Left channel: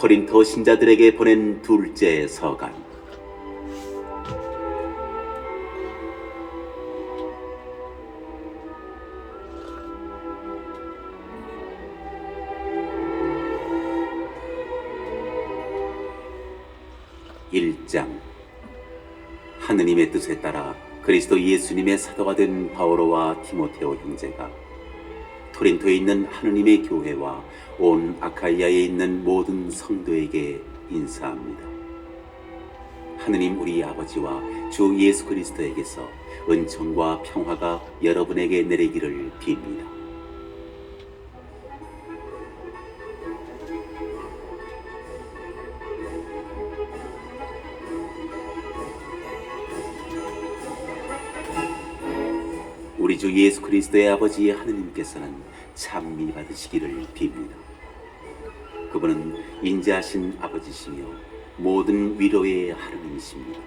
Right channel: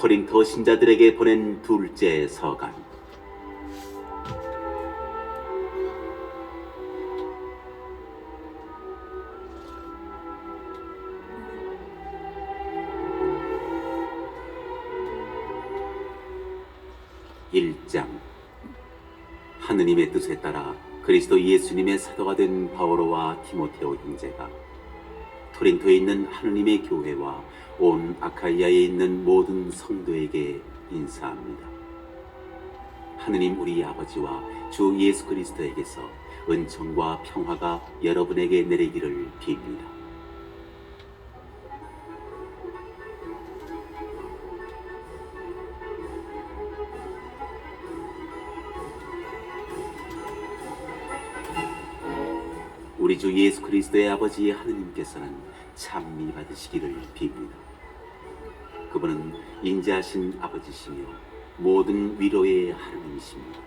고린토 신자들에게 보낸 둘째 서간. (1장) 하느님의 뜻에 따라 그리스도 예수님의 사도가 된 바오로와 디모테오 형제가 고린토에 있는 하느님의 교회와 온 아카이아에 있는 모든 성도에게 인사합니다. 하느님 우리 아버지와 주 예수 그리스도에게서 은총과 평화가 여러분에게 내리기를 빕니다. 우리 주 예수 그리스도의 아버지 하느님께서는 찬미 받으시기를 빕니다. 그분은 인자하신 아버지시며 모든 위로의 하느님이십니다.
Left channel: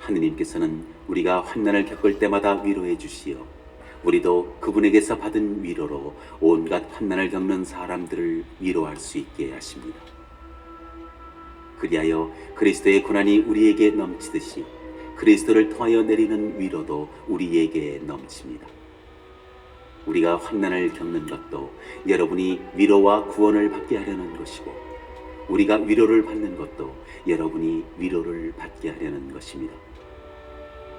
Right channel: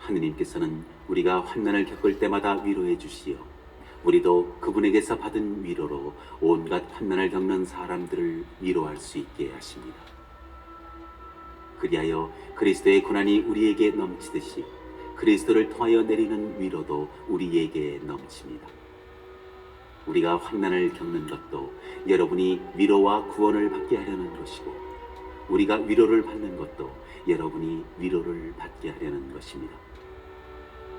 하느님께서는 우리가 환난을 겪을 때마다 위로해 주시어 우리도 그분에게서 받은 위로로 온갖 환난을 겪는 사람들을 위로할 수 있게 하십니다. 그리하여 그리스도의 고난이 우리에게 넘치듯이 그리스도를 통하여 내리는 위로도 우리에게 넘칩니다. 우리가 환난을 겪는 것도 여러분이 위로와 구원을 받게 하려는 것이고, 우리가 위로를 받는 것도 여러분이 위로를 받게 하려는 것입니다.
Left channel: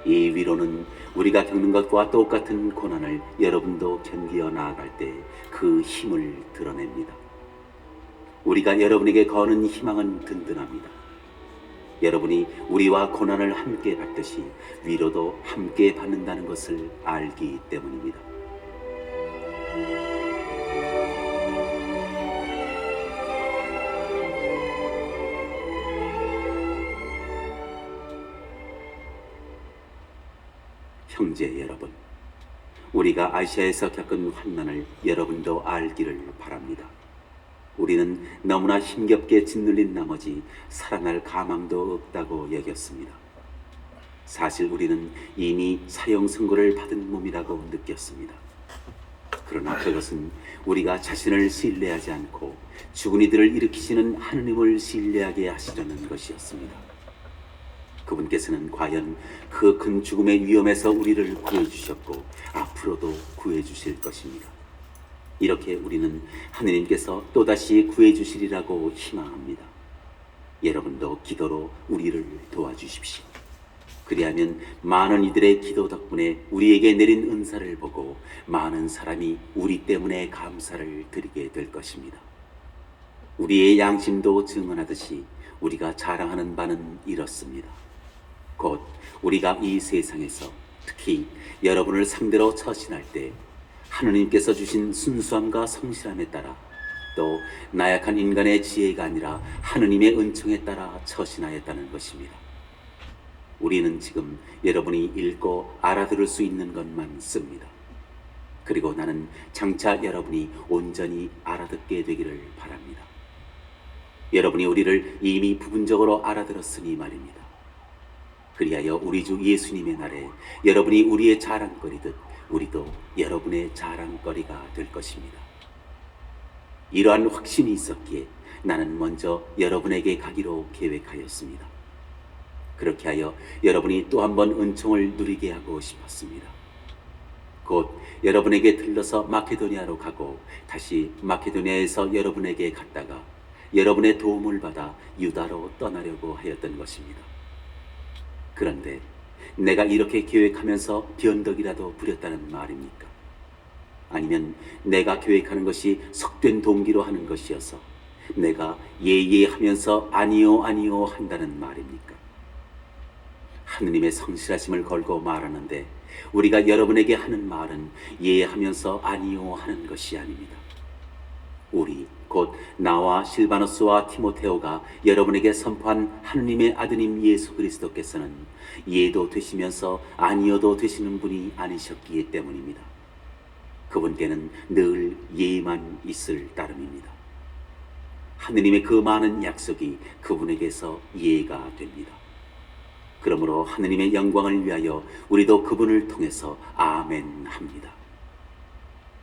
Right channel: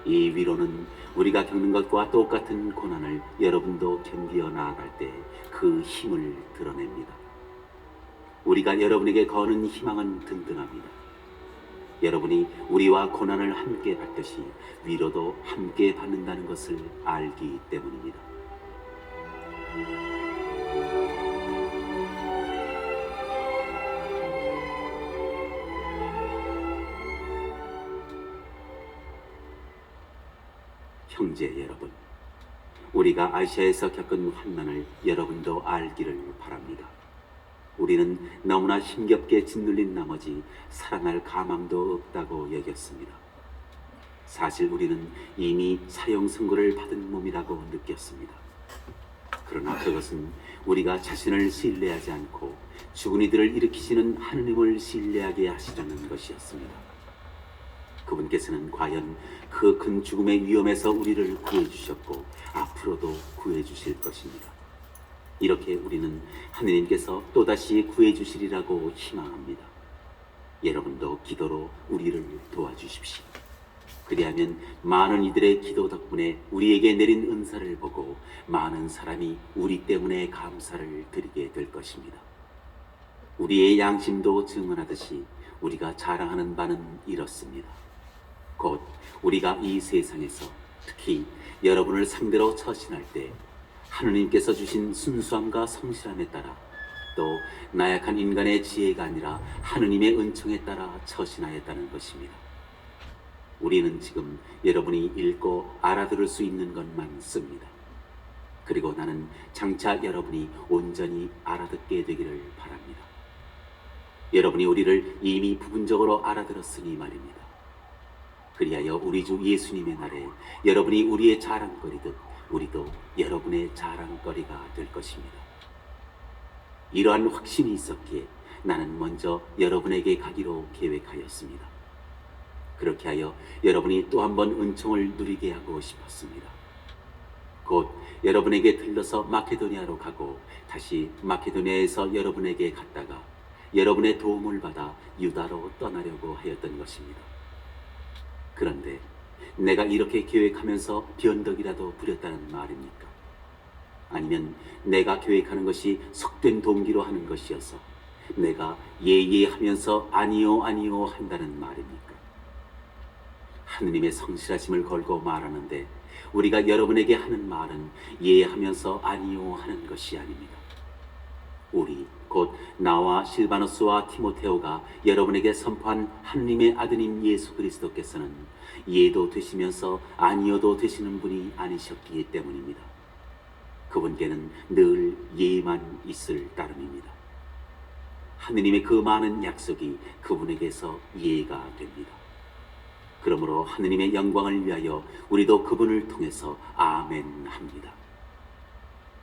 이 위로는 우리가 겪는 것과 똑같은 고난을 여러분도 견디어 나아갈 때 그 힘을 드러냅니다. 우리가 여러분에게 거는 희망은 든든합니다. 여러분이 우리와 고난을 함께 받듯이 위로도 함께 받는다는 것을 알기 때문입니다. 형제 여러분, 우리가 아시아에서 겪은 환난을 여러분도 알기를 바랍니다. 우리는 너무나 힘겹게 짓눌린 나머지 살아날 가망도 없다고 여겼습니다. 사실 우리는 이미 사형 선고를 받은 몸이라고 느꼈습니다. 그러나 그것은 우리가 자신을 신뢰하지 않고 죽은 이들을 일으키시는 하느님을 신뢰하게 하시려는 것이었습니다. 그분께서는 과연 그 큰 죽음의 위험에서 우리를 구해주셨고 앞으로도 구해주실 것입니다. 이렇게 우리는 하느님께서 또다시 구해주시리라고 희망합니다. 여러분도 기도로 우리를 도와주십시오. 그리하면 많은 이들의 기도 덕분에 우리에게 내린 은사를 보고 많은 사람이 우리 때문에 감사를 드리게 될 것입니다. 우리의 양심도 증언하듯이 우리가 자랑하는 바는 이렇습니다. 곧 우리가 이 세상에서 특히 여러분을 상대로 처신할 때 하느님께서 주신 순수함과 성실함에 따라, 또 나약한 인간의 지혜가 아니라 하느님의 은총에 따라 처신하였다는 것입니다. 우리는 지금 여러분이 읽고 알아들을 수 있는 것만 씁니다. 그리고 나는 장차 여러분이 온전히 알아듣게 되기를 바랍니다. 여러분이 우리를 이미 부분적으로 알아들었으니 말입니다. 그리하여 우리 주 예수님의 날에 여러분이 우리의 자랑거리듯 우리도 여러분의 자랑거리가 될 것입니다. 이러한 확신이 있었기에 나는 먼저 여러분에게 가기로 계획하였습니다. 그렇게 하여 여러분이 또 한 번 은총을 누리게 하고 싶었습니다. 곧 여러분에게 들러서 마케도니아로 가고 다시 마케도니아에서 여러분에게 갔다가 여러분의 도움을 받아 유다로 떠나려고 하였던 것입니다. 그런데 내가 이렇게 계획하면서 변덕이라도 부렸다는 말입니까? 아니면 내가 계획하는 것이 속된 동기로 하는 것이어서 내가 예하면서 아니요 아니요 한다는 말입니까? 하느님의 성실하심을 걸고 말하는데 우리가 여러분에게 하는 말은 예하면서 아니요 하는 것이 아닙니다. 우리 곧 나와 실바노스와 디모테오가 여러분에게 선포한 하느님의 아드님 예수 그리스도께서는 예도 되시면서 아니어도 되시는 분이 아니셨기 때문입니다. 그분께는 늘 예만 있을 따름입니다. 하느님의 그 많은 약속이 그분에게서 예가 됩니다. 그러므로 하느님의 영광을 위하여 우리도 그분을 통해서 아멘 합니다.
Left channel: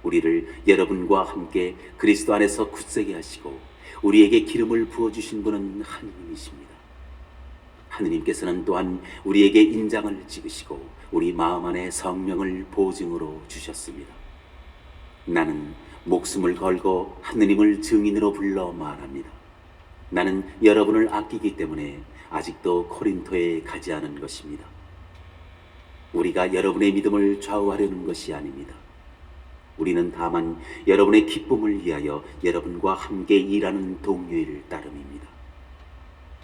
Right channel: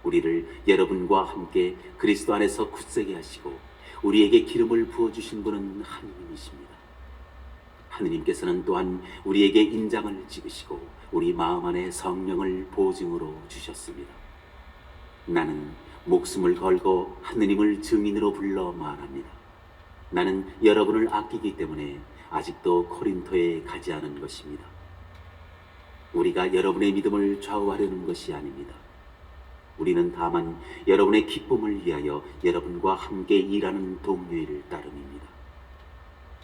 우리를 여러분과 함께 그리스도 안에서 굳세게 하시고 우리에게 기름을 부어주신 분은 하느님이십니다. 하느님께서는 또한 우리에게 인장을 찍으시고 우리 마음 안에 성령을 보증으로 주셨습니다. 나는 목숨을 걸고 하느님을 증인으로 불러 말합니다. 나는 여러분을 아끼기 때문에 아직도 코린토에 가지 않은 것입니다. 우리가 여러분의 믿음을 좌우하려는 것이 아닙니다. 우리는 다만 여러분의 기쁨을 위하여 여러분과 함께 일하는 동료일 따름입니다.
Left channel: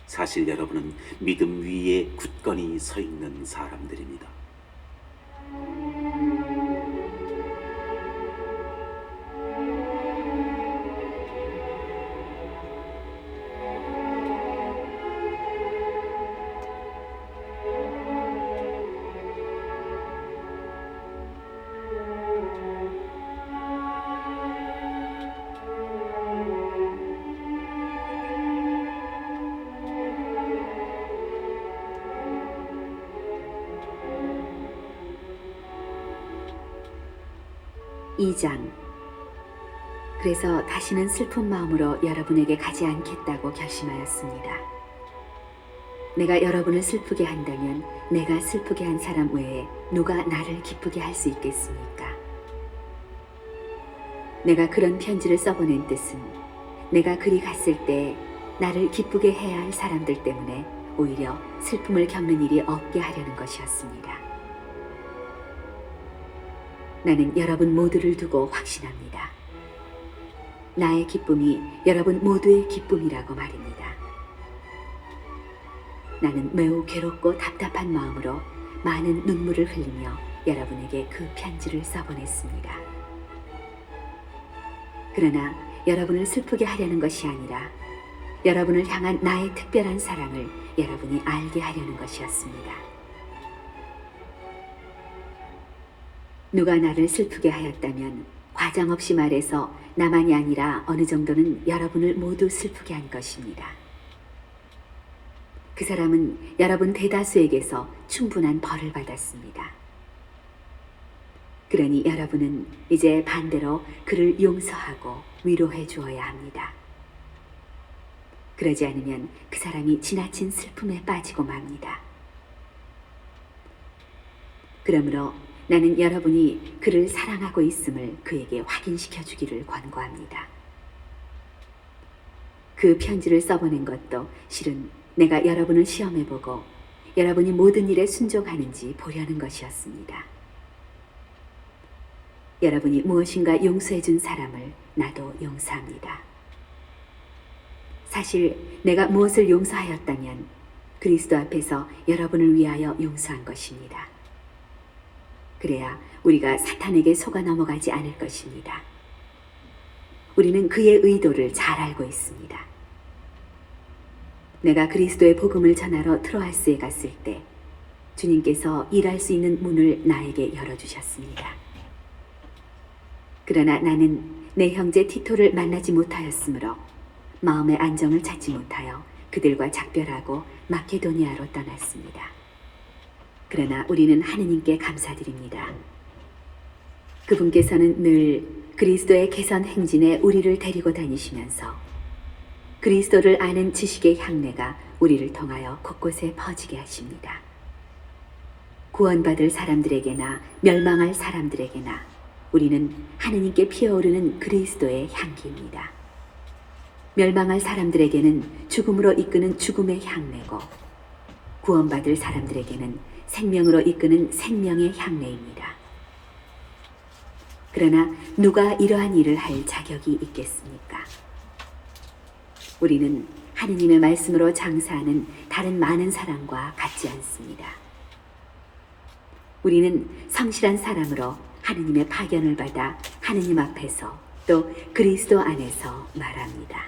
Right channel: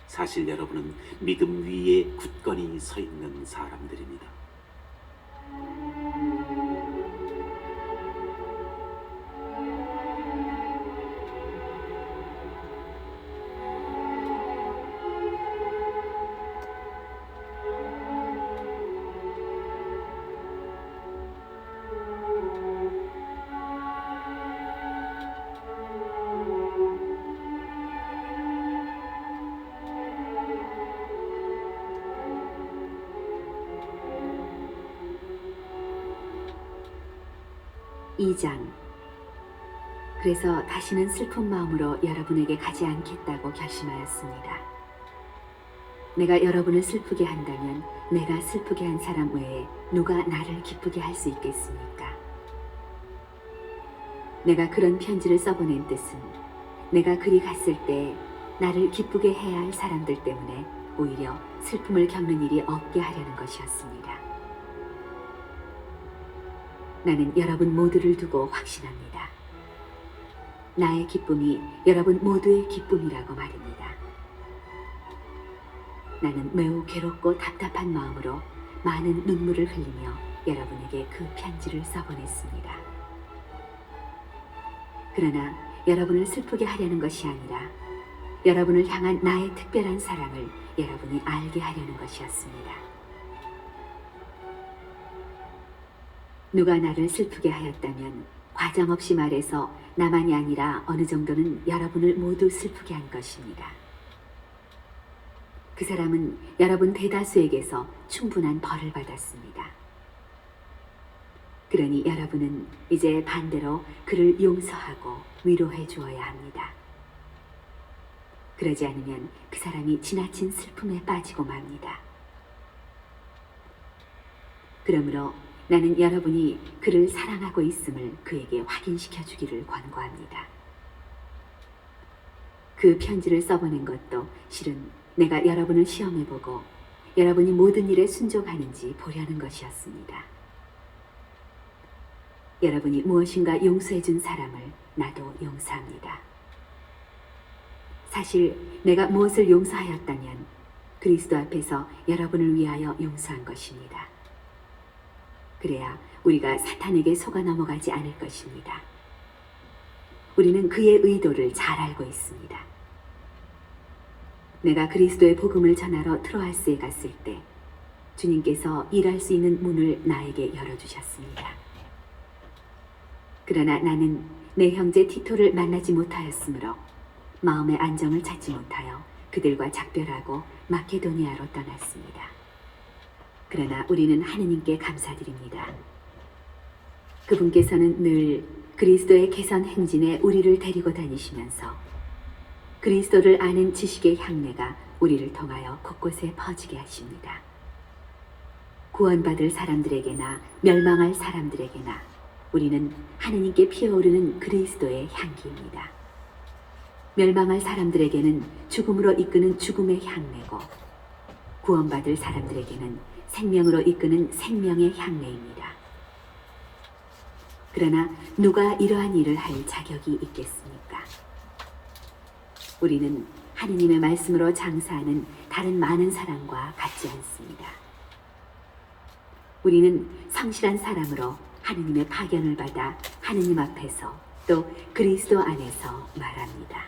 사실 여러분은 믿음 위에 굳건히 서 있는 사람들입니다. 이 장. 그래서 다시는 슬픈 마음으로 여러분에게 가지 않겠다고 결심하였습니다. 내가 여러분을 슬프게 한다면 내가 슬프게 한 사람 외에 누가 나를 기쁘게 할 수 있겠습니까? 내가 그런 편지를 써보낸 뜻은 내가 그리 갔을 때 나를 기쁘게 해야 할 사람들 때문에 오히려 슬픔을 겪는 일이 없게 하려는 것이었습니다. 나는 여러분 모두를 두고 확신합니다. 나의 기쁨이 여러분 모두의 기쁨이라고 말입니다. 나는 매우 괴롭고 답답한 마음으로 많은 눈물을 흘리며 여러분에게 그 편지를 써보냈습니다. 그러나 여러분을 슬프게 하려는 것이 아니라 여러분을 향한 나의 특별한 사랑을 여러분이 알게 하려는 것이었습니다. 누가 나를 슬프게 하였다면 과장 없이 말해서 나만이 아니라 어느 정도는 여러분을 모두 슬프게 한 것입니다. 그 사람은 여러분 대다수에게서 충분한 벌을 받았습니다. 그러니 여러분은 이제 반대로 그를 용서하고 위로해 주어야 합니다. 그러지 않으면 그 사람이 지나친 슬픔에 빠지고 맙니다. 그러므로 나는 여러분이 그를 사랑하고 있음을 그에게 확인시켜 주기를 권고합니다. 그 편지를 써보낸 것도 실은 내가 여러분을 시험해보고 여러분이 모든 일에 순종하는지 보려는 것이었습니다. 여러분이 무엇인가 용서해 준 사람을 나도 용서합니다. 사실 내가 무엇을 용서하였다면 그리스도 앞에서 여러분을 위하여 용서한 것입니다. 그래야 우리가 사탄에게 속아 넘어가지 않을 것입니다. 우리는 그의 의도를 잘 알고 있습니다. 내가 그리스도의 복음을 전하러 트로아스에 갔을 때 주님께서 일할 수 있는 문을 나에게 열어주셨습니다. 그러나 나는 내 형제 티토를 만나지 못하였으므로 마음의 안정을 찾지 못하여 그들과 작별하고 마케도니아로 떠났습니다. 그러나 우리는 하느님께 감사드립니다. 그분께서는 늘 그리스도의 개선 행진에 우리를 데리고 다니시면서 그리스도를 아는 지식의 향내가 우리를 통하여 곳곳에 퍼지게 하십니다. 구원받을 사람들에게나 멸망할 사람들에게나 우리는 하느님께 피어오르는 그리스도의 향기입니다. 멸망할 사람들에게는 죽음으로 이끄는 죽음의 향내고 구원받을 사람들에게는 생명으로 이끄는 생명의 향내입니다. 그러나 누가 이러한 일을 할 자격이 있겠습니까? 우리는 하느님의 말씀으로 장사하는 다른 많은 사람과 같지 않습니다. 우리는 성실한 사람으로 하느님의 파견을 받아 하느님 앞에서 또 그리스도 안에서 말합니다.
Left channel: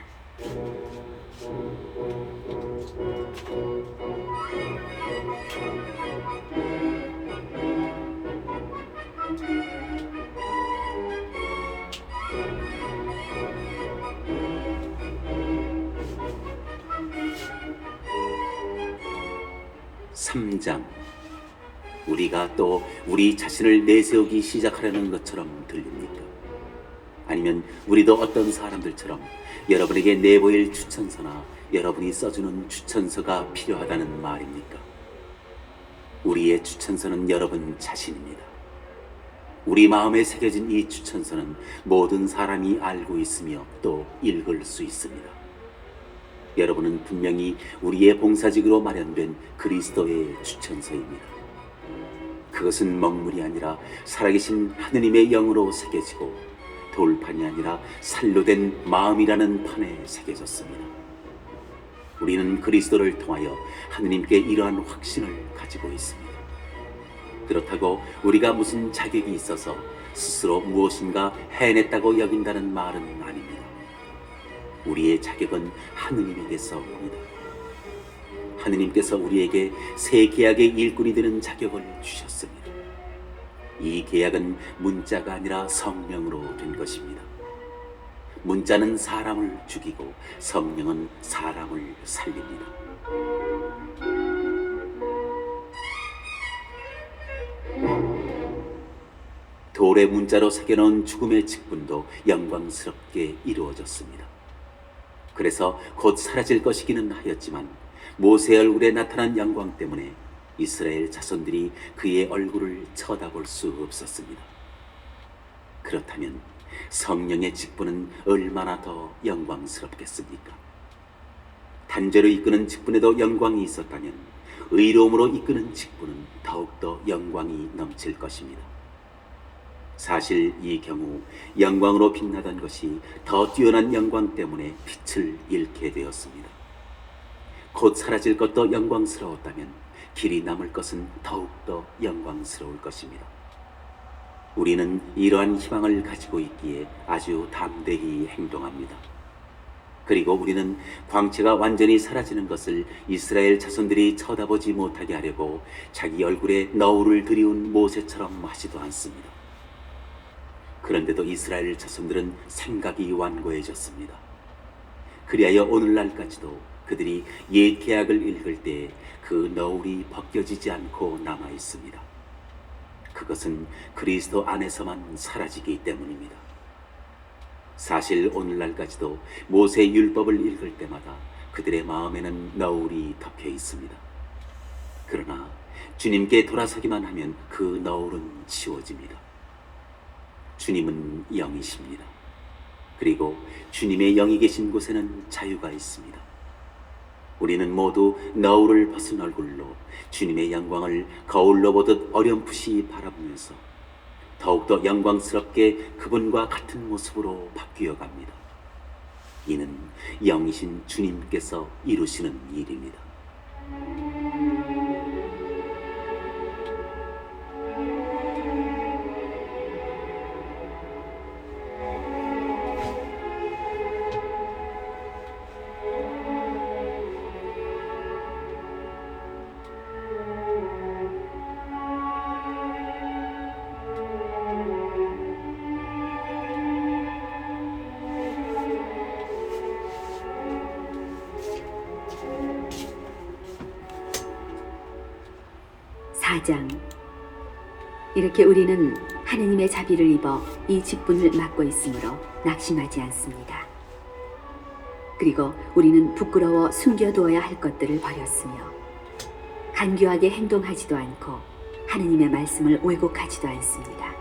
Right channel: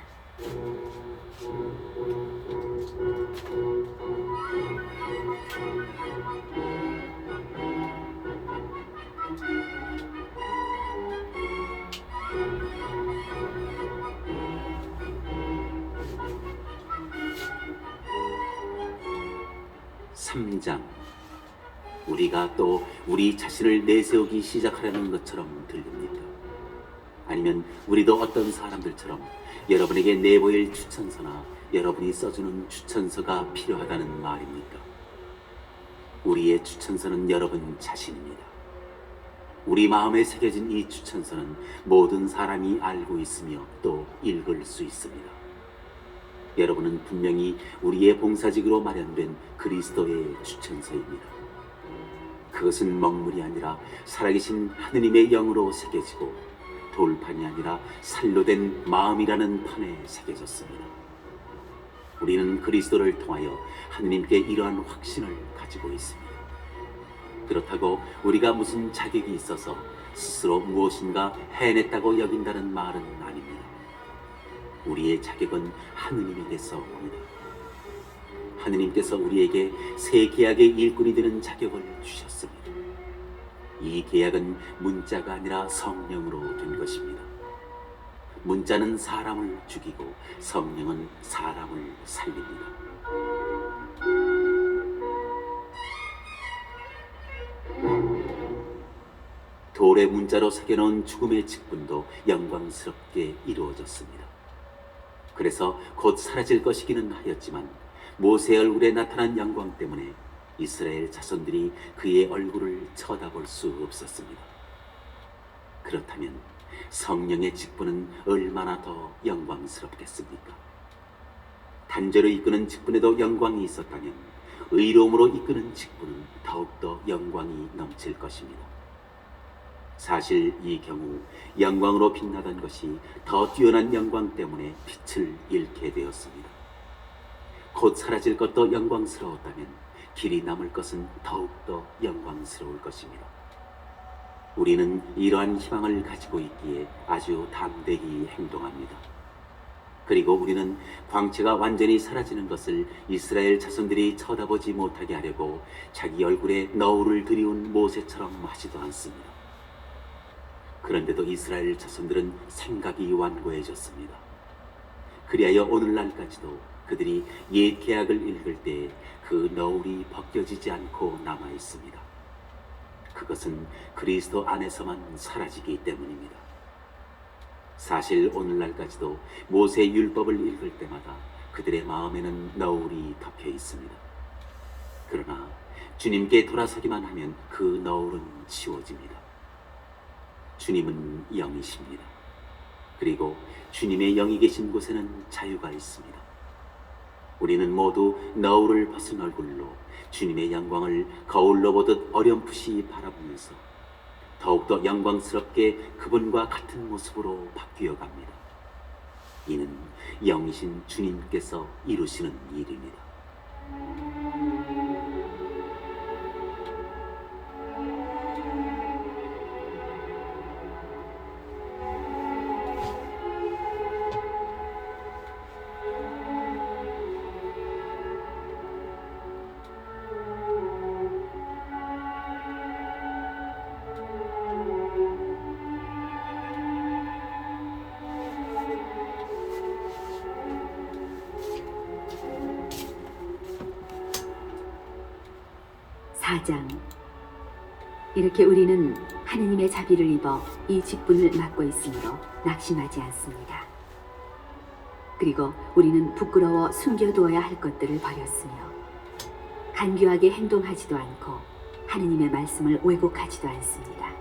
삼 장. 우리가 또 우리 자신을 내세우기 시작하려는 것처럼 들립니다. 아니면 우리도 어떤 사람들처럼 여러분에게 내보일 추천서나 여러분이 써주는 추천서가 필요하다는 말입니까? 우리의 추천서는 여러분 자신입니다. 우리 마음에 새겨진 이 추천서는 모든 사람이 알고 있으며 또 읽을 수 있습니다. 여러분은 분명히 우리의 봉사직으로 마련된 그리스도의 추천서입니다. 그것은 먹물이 아니라 살아계신 하느님의 영으로 새겨지고 돌판이 아니라 살로 된 마음이라는 판에 새겨졌습니다. 우리는 그리스도를 통하여 하느님께 이러한 확신을 가지고 있습니다. 그렇다고 우리가 무슨 자격이 있어서 스스로 무엇인가 해냈다고 여긴다는 말은 아닙니다. 우리의 자격은 하느님에게서입니다. 하느님께서 우리에게 새 계약의 일꾼이 되는 자격을 주셨습니다. 이 계약은 문자가 아니라 성령으로 된 것입니다. 문자는 사람을 죽이고 성령은 사람을 살립니다. 돌의 문자로 새겨놓은 죽음의 직분도 영광스럽게 이루어졌습니다. 그래서 곧 사라질 것이기는 하였지만 모세 얼굴에 나타난 영광 때문에 이스라엘 자손들이 그의 얼굴을 쳐다볼 수 없었습니다. 그렇다면 성령의 직분은 얼마나 더 영광스럽겠습니까? 단죄로 이끄는 직분에도 영광이 있었다면 의로움으로 이끄는 직분은 더욱더 영광이 넘칠 것입니다. 사실 이 경우 영광으로 빛나던 것이 더 뛰어난 영광 때문에 빛을 잃게 되었습니다. 곧 사라질 것도 영광스러웠다면 길이 남을 것은 더욱더 영광스러울 것입니다. 우리는 이러한 희망을 가지고 있기에 아주 담대히 행동합니다. 그리고 우리는 광채가 완전히 사라지는 것을 이스라엘 자손들이 쳐다보지 못하게 하려고 자기 얼굴에 너울을 들이운 모세처럼 하지도 않습니다. 그런데도 이스라엘 자손들은 생각이 완고해졌습니다. 그리하여 오늘날까지도 그들이 옛 계약을 읽을 때 그 너울이 벗겨지지 않고 남아 있습니다. 그것은 그리스도 안에서만 사라지기 때문입니다. 사실 오늘날까지도 모세 율법을 읽을 때마다 그들의 마음에는 너울이 덮여 있습니다. 그러나 주님께 돌아서기만 하면 그 너울은 지워집니다. 주님은 영이십니다. 그리고 주님의 영이 계신 곳에는 자유가 있습니다. 우리는 모두 너울을 벗은 얼굴로 주님의 영광을 거울로 보듯 어렴풋이 바라보면서 더욱더 영광스럽게 그분과 같은 모습으로 바뀌어 갑니다. 이는 영이신 주님께서 이루시는 일입니다. 사장. 이렇게 우리는 하느님의 자비를 입어 이 직분을 맡고 있으므로 낙심하지 않습니다. 그리고 우리는 부끄러워 숨겨두어야 할 것들을 버렸으며 간교하게 행동하지도 않고 하느님의 말씀을 왜곡하지도 않습니다.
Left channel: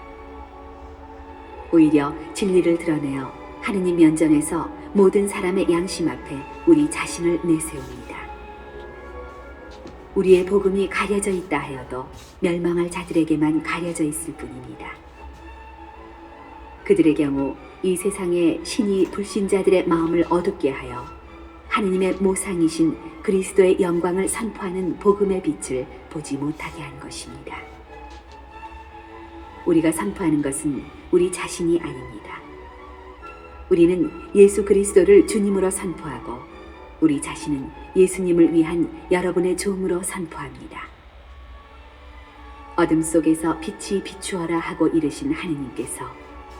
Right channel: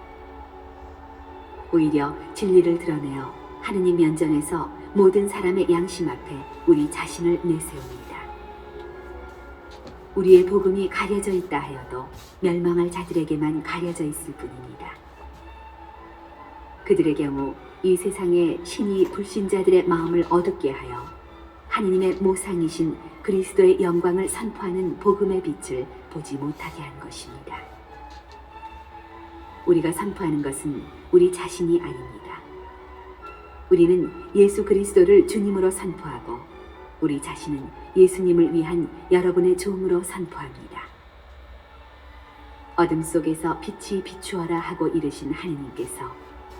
오히려 진리를 드러내어 하느님 면전에서 모든 사람의 양심 앞에 우리 자신을 내세웁니다. 우리의 복음이 가려져 있다 하여도 멸망할 자들에게만 가려져 있을 뿐입니다. 그들의 경우 이 세상의 신이 불신자들의 마음을 어둡게 하여 하느님의 모상이신 그리스도의 영광을 선포하는 복음의 빛을 보지 못하게 한 것입니다. 우리가 선포하는 것은 우리 자신이 아닙니다. 우리는 예수 그리스도를 주님으로 선포하고 우리 자신은 예수님을 위한 여러분의 종으로 선포합니다. 어둠 속에서 빛이 비추어라 하고 이르신 하느님께서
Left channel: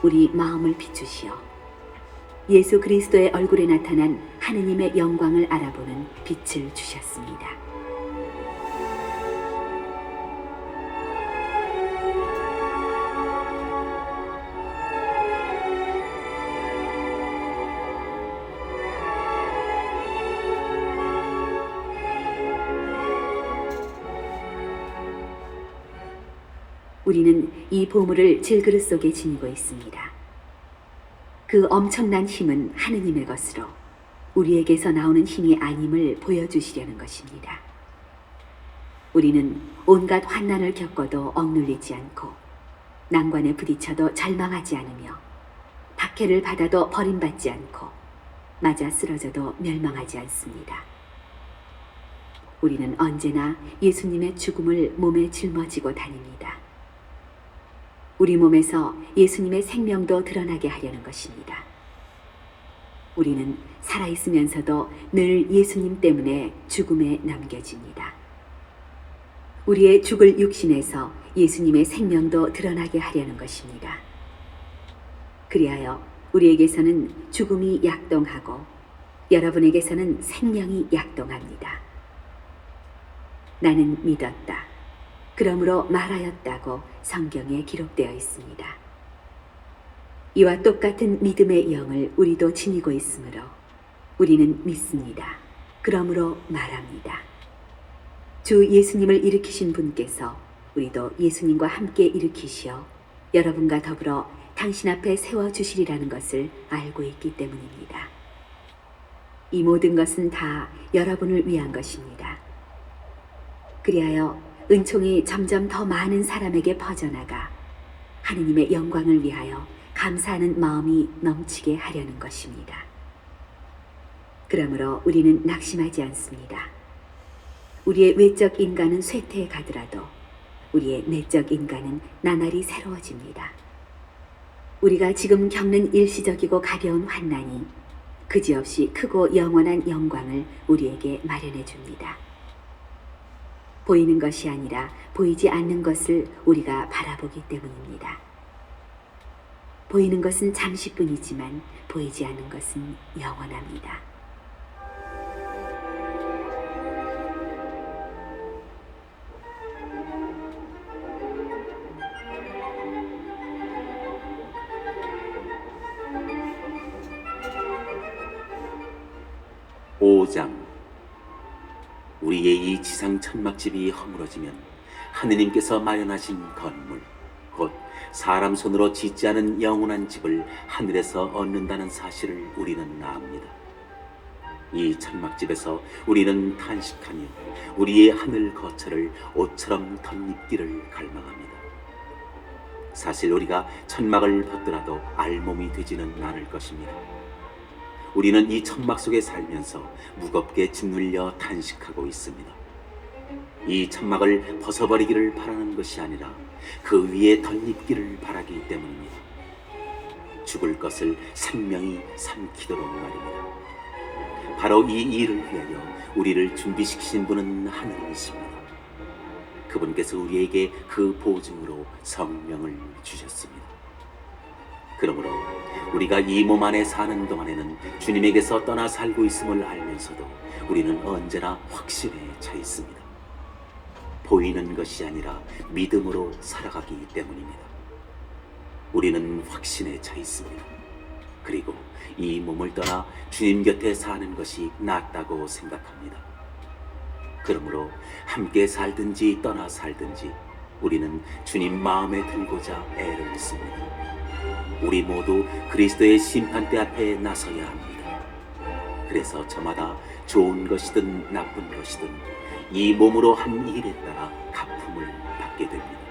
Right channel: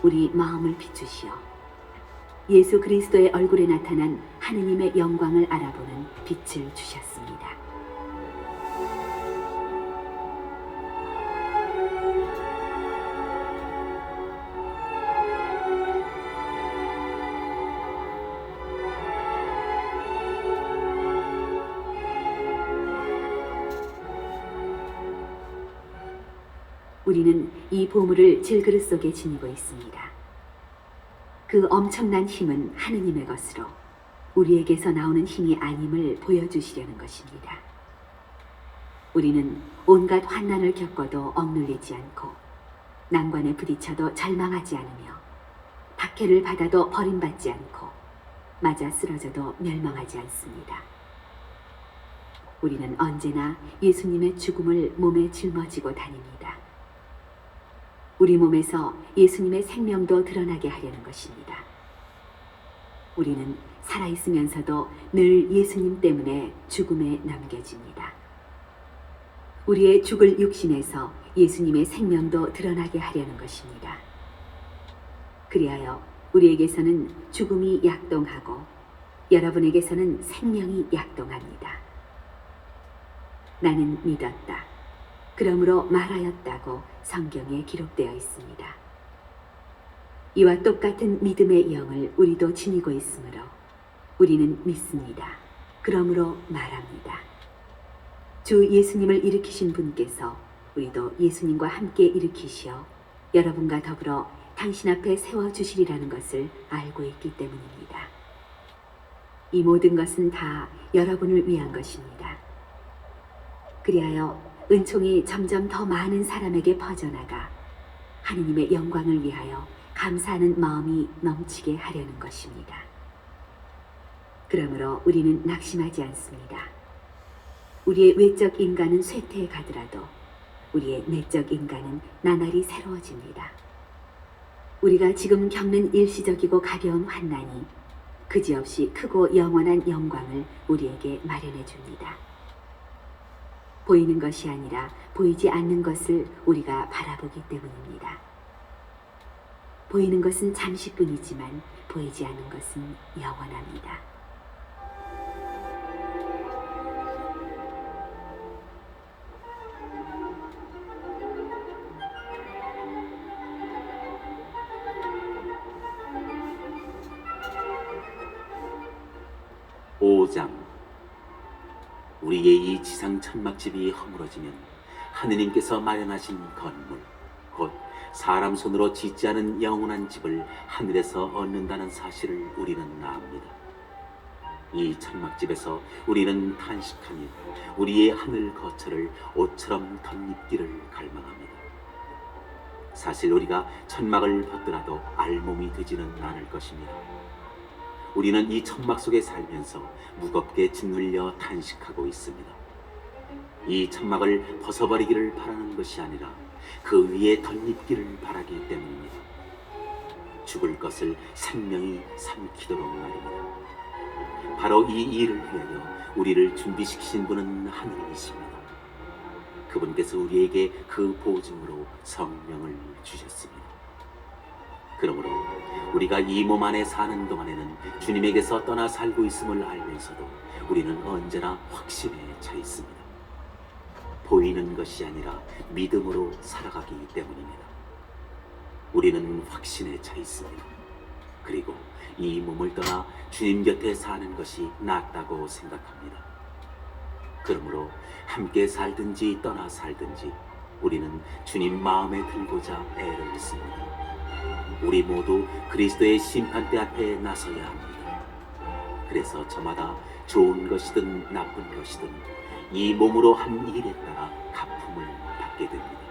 우리 마음을 비추시어 예수 그리스도의 얼굴에 나타난 하느님의 영광을 알아보는 빛을 주셨습니다. 우리는 이 보물을 질그릇 속에 지니고 있습니다. 그 엄청난 힘은 하느님의 것으로 우리에게서 나오는 힘이 아님을 보여주시려는 것입니다. 우리는 온갖 환난을 겪어도 억눌리지 않고 난관에 부딪혀도 절망하지 않으며 박해를 받아도 버림받지 않고 맞아 쓰러져도 멸망하지 않습니다. 우리는 언제나 예수님의 죽음을 몸에 짊어지고 다닙니다. 우리 몸에서 예수님의 생명도 드러나게 하려는 것입니다. 우리는 살아있으면서도 늘 예수님 때문에 죽음에 남겨집니다. 우리의 죽을 육신에서 예수님의 생명도 드러나게 하려는 것입니다. 그리하여 우리에게서는 죽음이 약동하고 여러분에게서는 생명이 약동합니다. 나는 믿었다. 그러므로 말하였다고 성경에 기록되어 있습니다. 이와 똑같은 믿음의 영을 우리도 지니고 있으므로 우리는 믿습니다. 그러므로 말합니다. 주 예수님을 일으키신 분께서 우리도 예수님과 함께 일으키시어 여러분과 더불어 당신 앞에 세워주시리라는 것을 알고 있기 때문입니다. 이 모든 것은 다 여러분을 위한 것입니다. 그리하여 은총이 점점 더 많은 사람에게 퍼져나가 하느님의 영광을 위하여 감사하는 마음이 넘치게 하려는 것입니다. 그러므로 우리는 낙심하지 않습니다. 우리의 외적 인간은 쇠퇴해 가더라도 우리의 내적 인간은 나날이 새로워집니다. 우리가 지금 겪는 일시적이고 가벼운 환난이 그지없이 크고 영원한 영광을 우리에게 마련해 줍니다. 보이는 것이 아니라 보이지 않는 것을 우리가 바라보기 때문입니다. 보이는 것은 잠시뿐이지만 보이지 않는 것은 영원합니다. 오장 우리의 이 지상 천막집이 허물어지면 하느님께서 마련하신 건물 곧 사람 손으로 짓지 않은 영원한 집을 하늘에서 얻는다는 사실을 우리는 압니다. 이 천막집에서 우리는 탄식하며 우리의 하늘 거처를 옷처럼 덧입기를 갈망합니다. 사실 우리가 천막을 벗더라도 알몸이 되지는 않을 것입니다. 우리는 이 천막 속에 살면서 무겁게 짓눌려 탄식하고 있습니다. 이 천막을 벗어버리기를 바라는 것이 아니라 그 위에 덧입기를 바라기 때문입니다. 죽을 것을 생명이 삼키도록 말입니다. 바로 이 일을 위하여 우리를 준비시키신 분은 하느님이십니다. 그분께서 우리에게 그 보증으로 성령을 주셨습니다. 그러므로 우리가 이 몸 안에 사는 동안에는 주님에게서 떠나 살고 있음을 알면서도 우리는 언제나 확신에 차 있습니다. 보이는 것이 아니라 믿음으로 살아가기 때문입니다. 우리는 확신에 차 있습니다. 그리고 이 몸을 떠나 주님 곁에 사는 것이 낫다고 생각합니다. 그러므로 함께 살든지 떠나 살든지 우리는 주님 마음에 들고자 애를 씁니다. 우리 모두 그리스도의 심판대 앞에 나서야 합니다. 그래서 저마다 좋은 것이든 나쁜 것이든 이 몸으로 한 일에 따라 갚음을 받게 됩니다.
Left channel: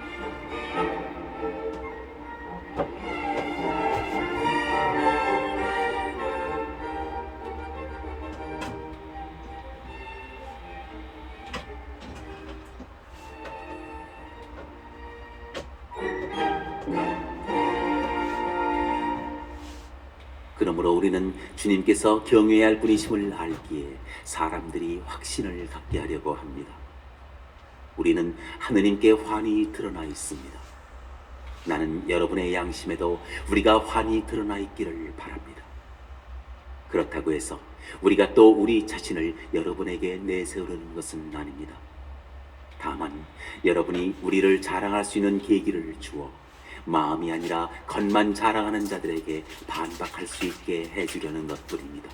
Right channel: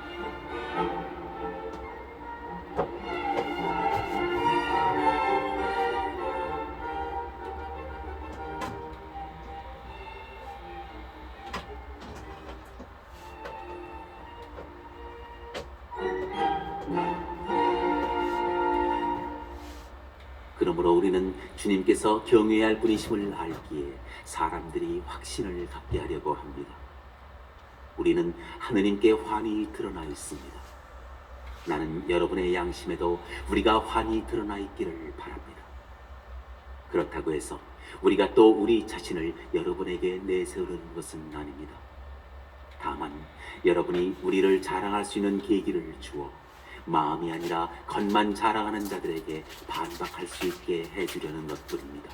그러므로 우리는 주님께서 경외해야 할 분이심을 알기에 사람들이 확신을 갖게 하려고 합니다. 우리는 하느님께 환히 드러나 있습니다. 나는 여러분의 양심에도 우리가 환히 드러나 있기를 바랍니다. 그렇다고 해서 우리가 또 우리 자신을 여러분에게 내세우려는 것은 아닙니다. 다만 여러분이 우리를 자랑할 수 있는 계기를 주어 마음이 아니라 겉만 자랑하는 자들에게 반박할 수 있게 해주려는 것뿐입니다.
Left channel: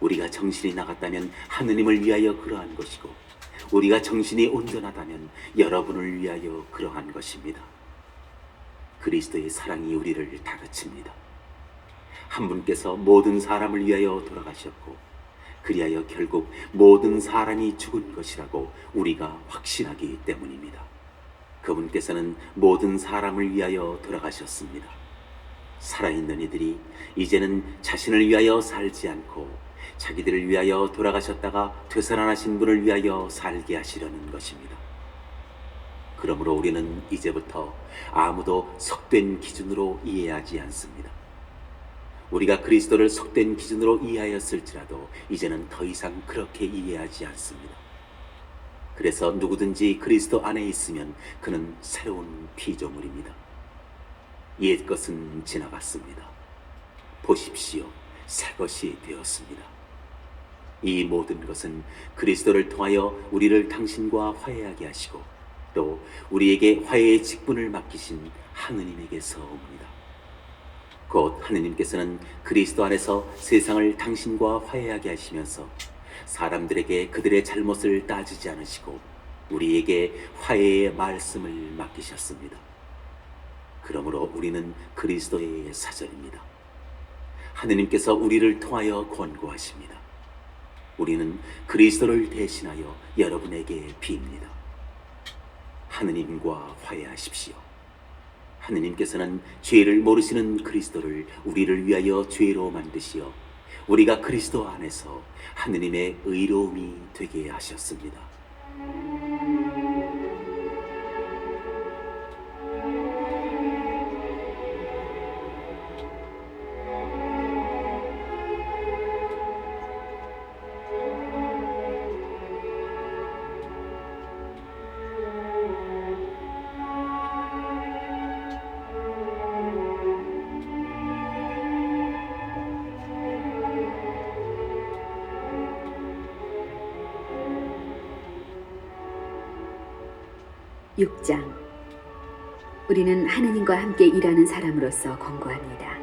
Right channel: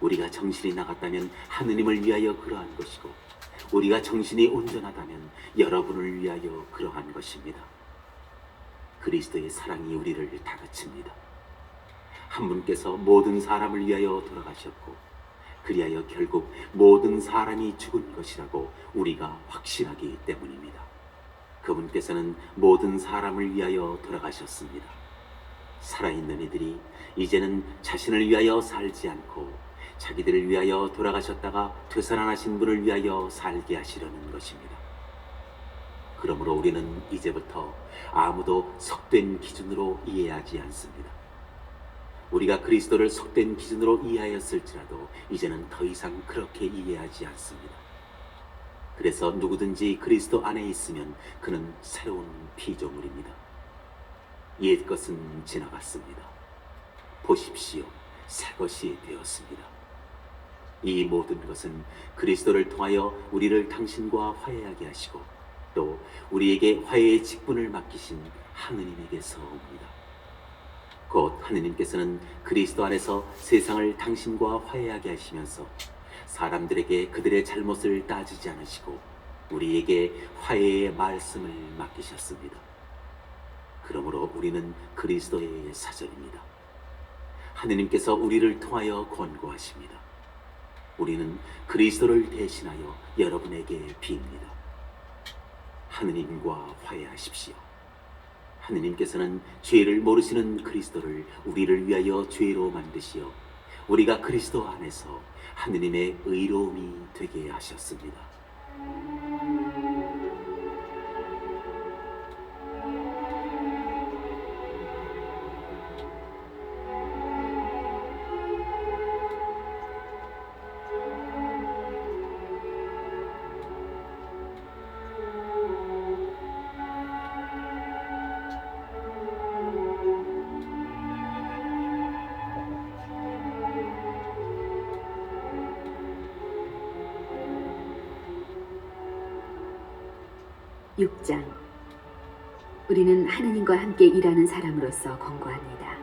우리가 정신이 나갔다면 하느님을 위하여 그러한 것이고 우리가 정신이 온전하다면 여러분을 위하여 그러한 것입니다. 그리스도의 사랑이 우리를 다그칩니다. 한 분께서 모든 사람을 위하여 돌아가셨고 그리하여 결국 모든 사람이 죽은 것이라고 우리가 확신하기 때문입니다. 그분께서는 모든 사람을 위하여 돌아가셨습니다. 살아있는 이들이 이제는 자신을 위하여 살지 않고 자기들을 위하여 돌아가셨다가 되살아나신 분을 위하여 살게 하시려는 것입니다. 그러므로 우리는 이제부터 아무도 속된 기준으로 이해하지 않습니다. 우리가 그리스도를 속된 기준으로 이해하였을지라도 이제는 더 이상 그렇게 이해하지 않습니다. 그래서 누구든지 그리스도 안에 있으면 그는 새로운 피조물입니다. 옛 것은 지나갔습니다. 보십시오, 새 것이 되었습니다. 이 모든 것은 그리스도를 통하여 우리를 당신과 화해하게 하시고 또 우리에게 화해의 직분을 맡기신 하느님에게서 옵니다. 곧 하느님께서는 그리스도 안에서 세상을 당신과 화해하게 하시면서 사람들에게 그들의 잘못을 따지지 않으시고 우리에게 화해의 말씀을 맡기셨습니다. 그러므로 우리는 그리스도의 사절입니다. 하느님께서 우리를 통하여 권고하십니다. 우리는 그리스도를 대신하여 여러분에게 빕니다. 하느님과 화해하십시오. 하느님께서는 죄를 모르시는 그리스도를 우리를 위하여 죄로 만드시어 우리가 그리스도 안에서 하느님의 의로움이 되게 하셨습니다. 육 장. 우리는 하느님과 함께 일하는 사람으로서 권고합니다.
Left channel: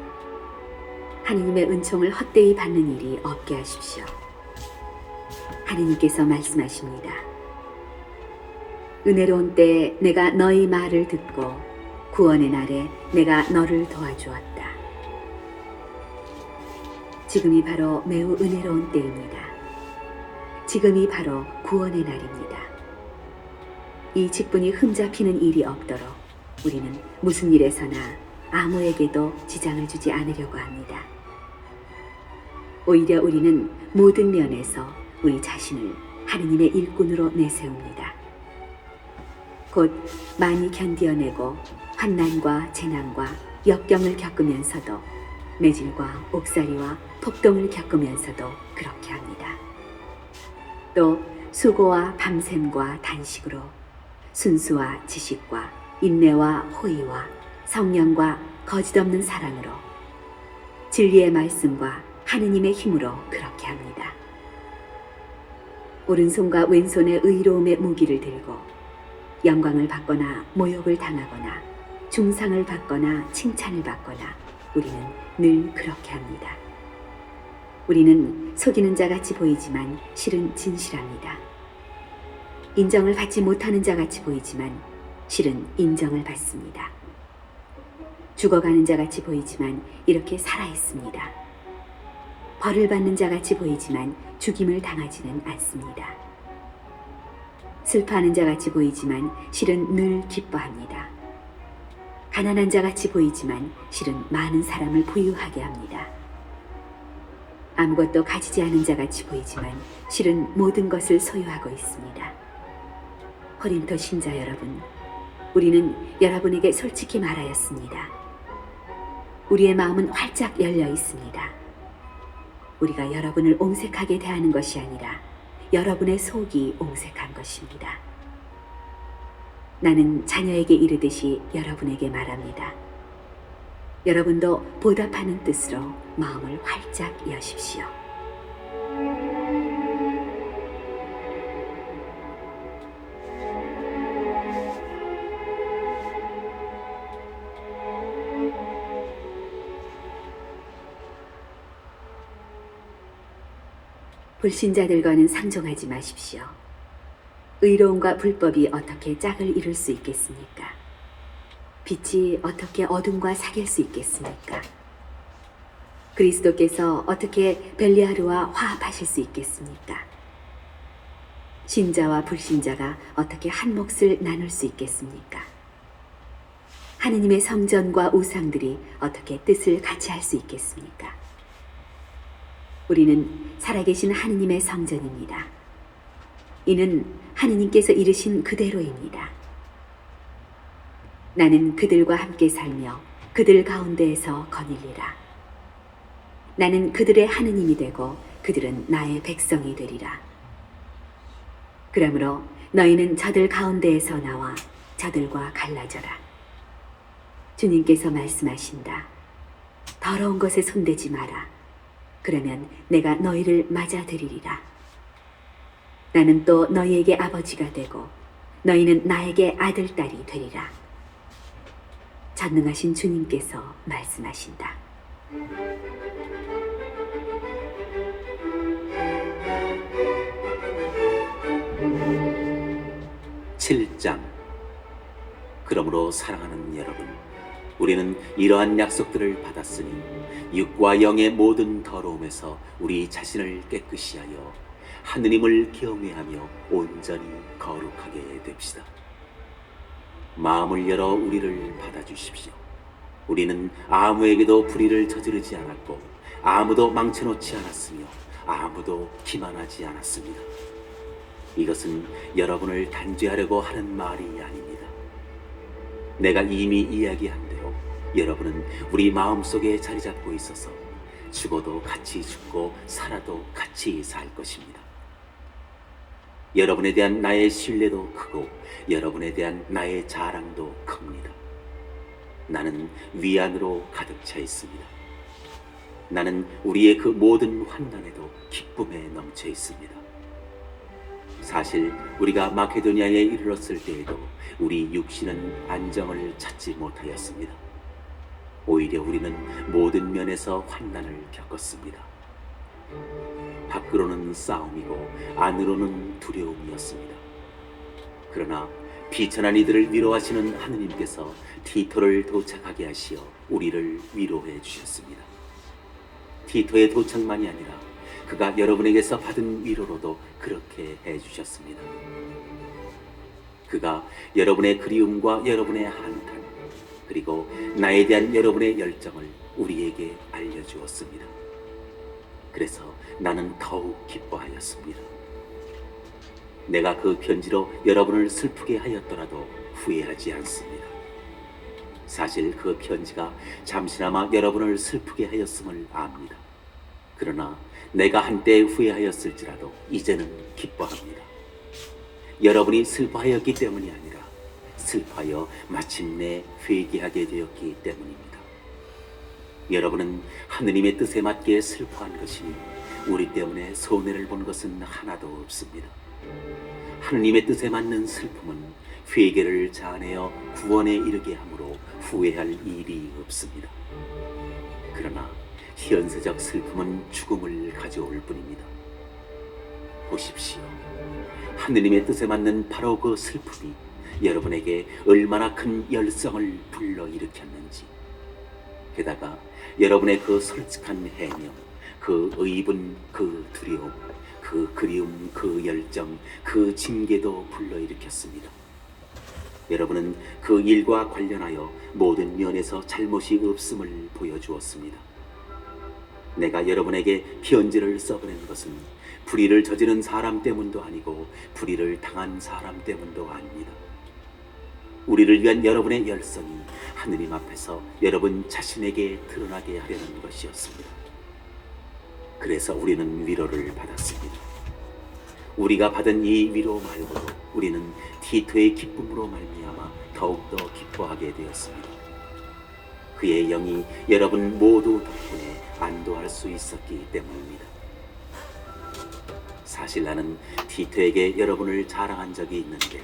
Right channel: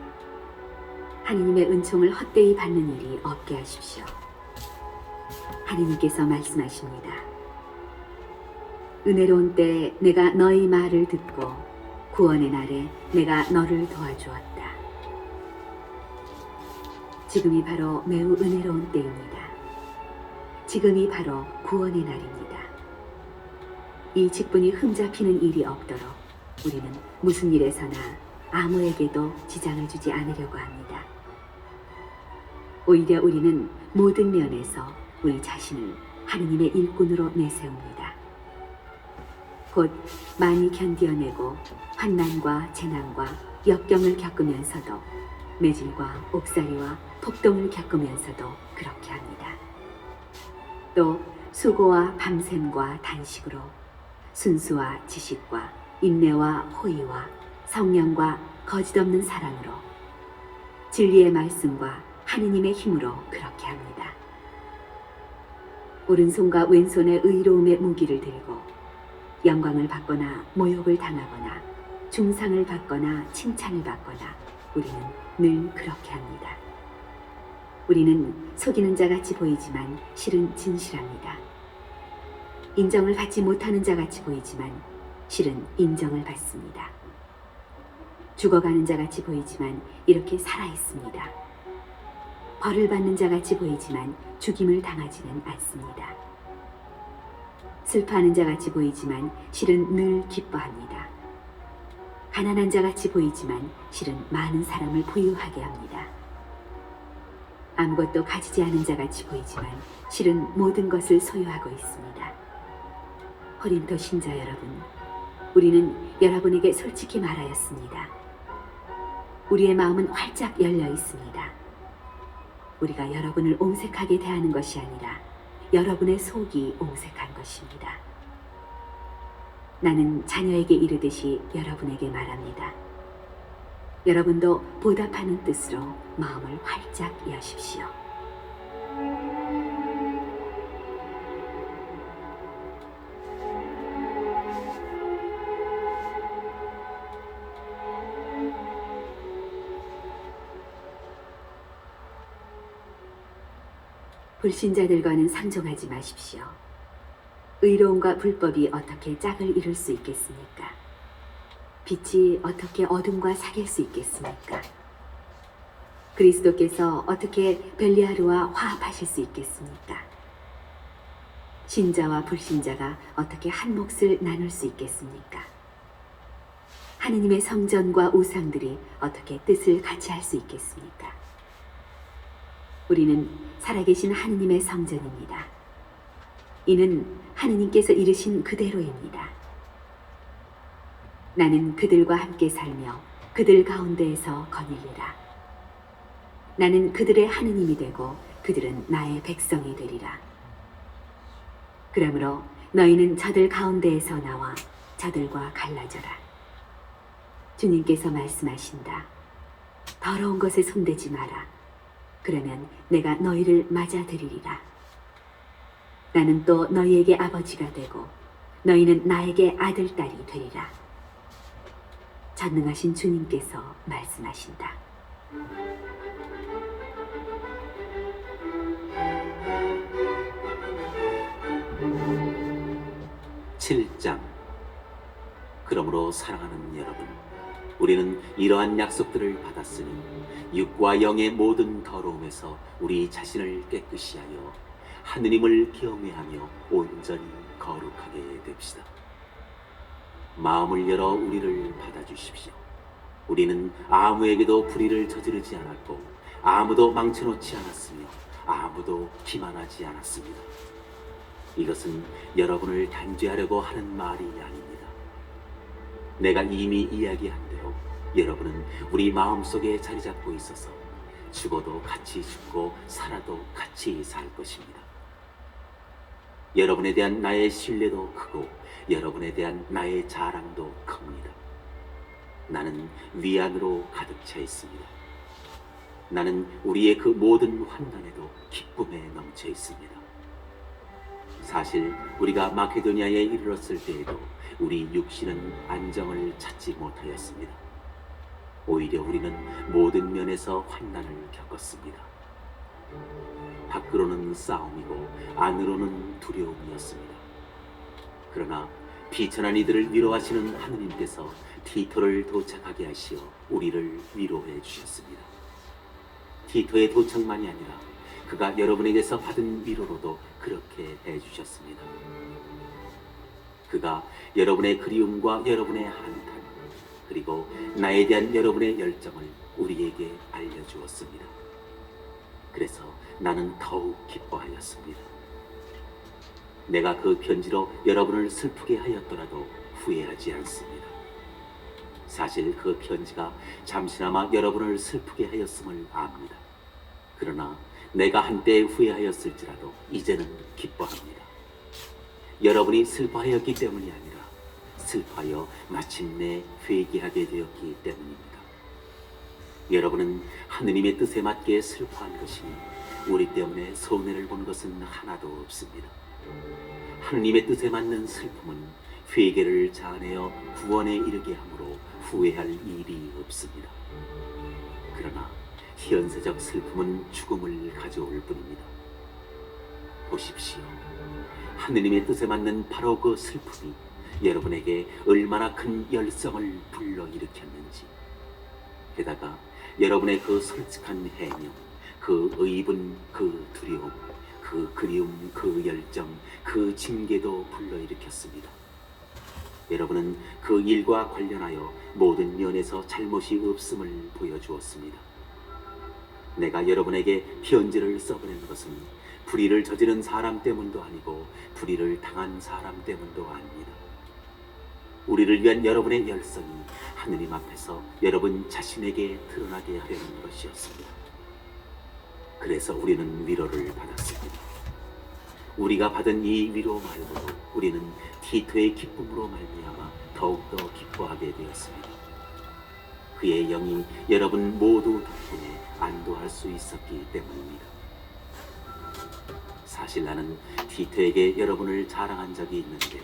하느님의 은총을 헛되이 받는 일이 없게 하십시오. 하느님께서 말씀하십니다. 은혜로운 때에 내가 너희 말을 듣고 구원의 날에 내가 너를 도와주었다. 지금이 바로 매우 은혜로운 때입니다. 지금이 바로 구원의 날입니다. 이 직분이 흠잡히는 일이 없도록 우리는 무슨 일에서나 아무에게도 지장을 주지 않으려고 합니다. 오히려 우리는 모든 면에서 우리 자신을 하느님의 일꾼으로 내세웁니다. 곧 많이 견디어내고 환난과 재난과 역경을 겪으면서도 매질과 옥살이와 폭동을 겪으면서도 그렇게 합니다. 또 수고와 밤샘과 단식으로 순수와 지식과 인내와 호의와 성령과 거짓없는 사랑으로 진리의 말씀과 하느님의 힘으로 그렇게 합니다. 오른손과 왼손의 의로움의 무기를 들고 영광을 받거나 모욕을 당하거나 중상을 받거나 칭찬을 받거나 우리는 늘 그렇게 합니다. 우리는 속이는 자 같이 보이지만 실은 진실합니다. 인정을 받지 못하는 자 같이 보이지만 실은 인정을 받습니다. 죽어가는 자 같이 보이지만 이렇게 살아있습니다. 벌을 받는 자 같이 보이지만 죽임을 당하지는 않습니다. 슬퍼하는 자 같이 보이지만 실은 늘 기뻐합니다. 가난한 자 같이 보이지만 실은 많은 사람을 부유하게 합니다. 아무것도 가지지 않은 자 같이 보이지만 실은 모든 것을 소유하고 있습니다. 고린도 신자 여러분, 우리는 여러분에게 솔직히 말하였습니다. 우리의 마음은 활짝 열려 있습니다. 우리가 여러분을 옹색하게 대하는 것이 아니라 여러분의 속이 옹색한 것입니다. 나는 자녀에게 이르듯이 여러분에게 말합니다. 여러분도 보답하는 뜻으로 마음을 활짝 여십시오. 불신자들과는 상종하지 마십시오. 의로움과 불법이 어떻게 짝을 이룰 수 있겠습니까? 빛이 어떻게 어둠과 사귈 수 있겠습니까? 그리스도께서 어떻게 벨리하르와 화합하실 수 있겠습니까? 신자와 불신자가 어떻게 한 몫을 나눌 수 있겠습니까? 하느님의 성전과 우상들이 어떻게 뜻을 같이 할 수 있겠습니까? 우리는 살아계신 하느님의 성전입니다. 이는 하느님께서 이르신 그대로입니다. 나는 그들과 함께 살며 그들 가운데에서 거닐리라. 나는 그들의 하느님이 되고 그들은 나의 백성이 되리라. 그러므로 너희는 저들 가운데에서 나와 저들과 갈라져라. 주님께서 말씀하신다. 더러운 것에 손대지 마라. 그러면 내가 너희를 맞아들이리라. 나는 또 너희에게 아버지가 되고 너희는 나에게 아들, 딸이 되리라. 전능하신 주님께서 말씀하신다. 7장. 그러므로 사랑하는 여러분, 우리는 이러한 약속들을 받았으니 육과 영의 모든 더러움에서 우리 자신을 깨끗이 하여 하느님을 경외하며 온전히 거룩하게 됩시다. 마음을 열어 우리를 받아주십시오. 우리는 아무에게도 불의를 저지르지 않았고 아무도 망쳐놓지 않았으며 아무도 기만하지 않았습니다. 이것은 여러분을 단죄하려고 하는 말이 아닙니다. 내가 이미 이야기한 대로 여러분은 우리 마음속에 자리 잡고 있어서 죽어도 같이 죽고 살아도 같이 살 것입니다. 여러분에 대한 나의 신뢰도 크고 여러분에 대한 나의 자랑도 큽니다. 나는 위안으로 가득 차 있습니다. 나는 우리의 그 모든 환난에도 기쁨에 넘쳐 있습니다. 사실 우리가 마케도니아에 이르렀을 때에도 우리 육신은 안정을 찾지 못하였습니다. 오히려 우리는 모든 면에서 환난을 겪었습니다. 밖으로는 싸움이고 안으로는 두려움이었습니다. 그러나 비천한 이들을 위로하시는 하느님께서 티토를 도착하게 하시어 우리를 위로해 주셨습니다. 티토의 도착만이 아니라 그가 여러분에게서 받은 위로로도 그렇게 해주셨습니다. 그가 여러분의 그리움과 여러분의 한탄 그리고 나에 대한 여러분의 열정을 우리에게 알려주었습니다. 그래서 나는 더욱 기뻐하였습니다. 내가 그 편지로 여러분을 슬프게 하였더라도 후회하지 않습니다. 사실 그 편지가 잠시나마 여러분을 슬프게 하였음을 압니다. 그러나 내가 한때 후회하였을지라도 이제는 기뻐합니다. 여러분이 슬퍼하였기 때문이 아니라 슬퍼하여 마침내 회개하게 되었기 때문입니다. 여러분은 하느님의 뜻에 맞게 슬퍼한 것이니 우리 때문에 손해를 본 것은 하나도 없습니다. 하느님의 뜻에 맞는 슬픔은 회개를 자아내어 구원에 이르게 하므로 후회할 일이 없습니다. 그러나 현세적 슬픔은 죽음을 가져올 뿐입니다. 보십시오. 하느님의 뜻에 맞는 바로 그 슬픔이 여러분에게 얼마나 큰 열성을 불러일으켰는지, 게다가 여러분의 그 솔직한 해명, 그 의분, 그 두려움, 그 그리움, 그 열정, 그 징계도 불러일으켰습니다. 여러분은 그 일과 관련하여 모든 면에서 잘못이 없음을 보여주었습니다. 내가 여러분에게 편지를 써보낸 것은 불의를 저지른 사람 때문도 아니고 불의를 당한 사람 때문도 아닙니다. 우리를 위한 여러분의 열성이 하느님 앞에서 여러분 자신에게 드러나게 하려는 것이었습니다. 그래서 우리는 위로를 받았습니다. 우리가 받은 이 위로 말고 우리는 티토의 기쁨으로 말미암아 더욱더 기뻐하게 되었습니다. 그의 영이 여러분 모두 덕분에 안도할 수 있었기 때문입니다. 사실 나는 티토에게 여러분을 자랑한 적이 있는데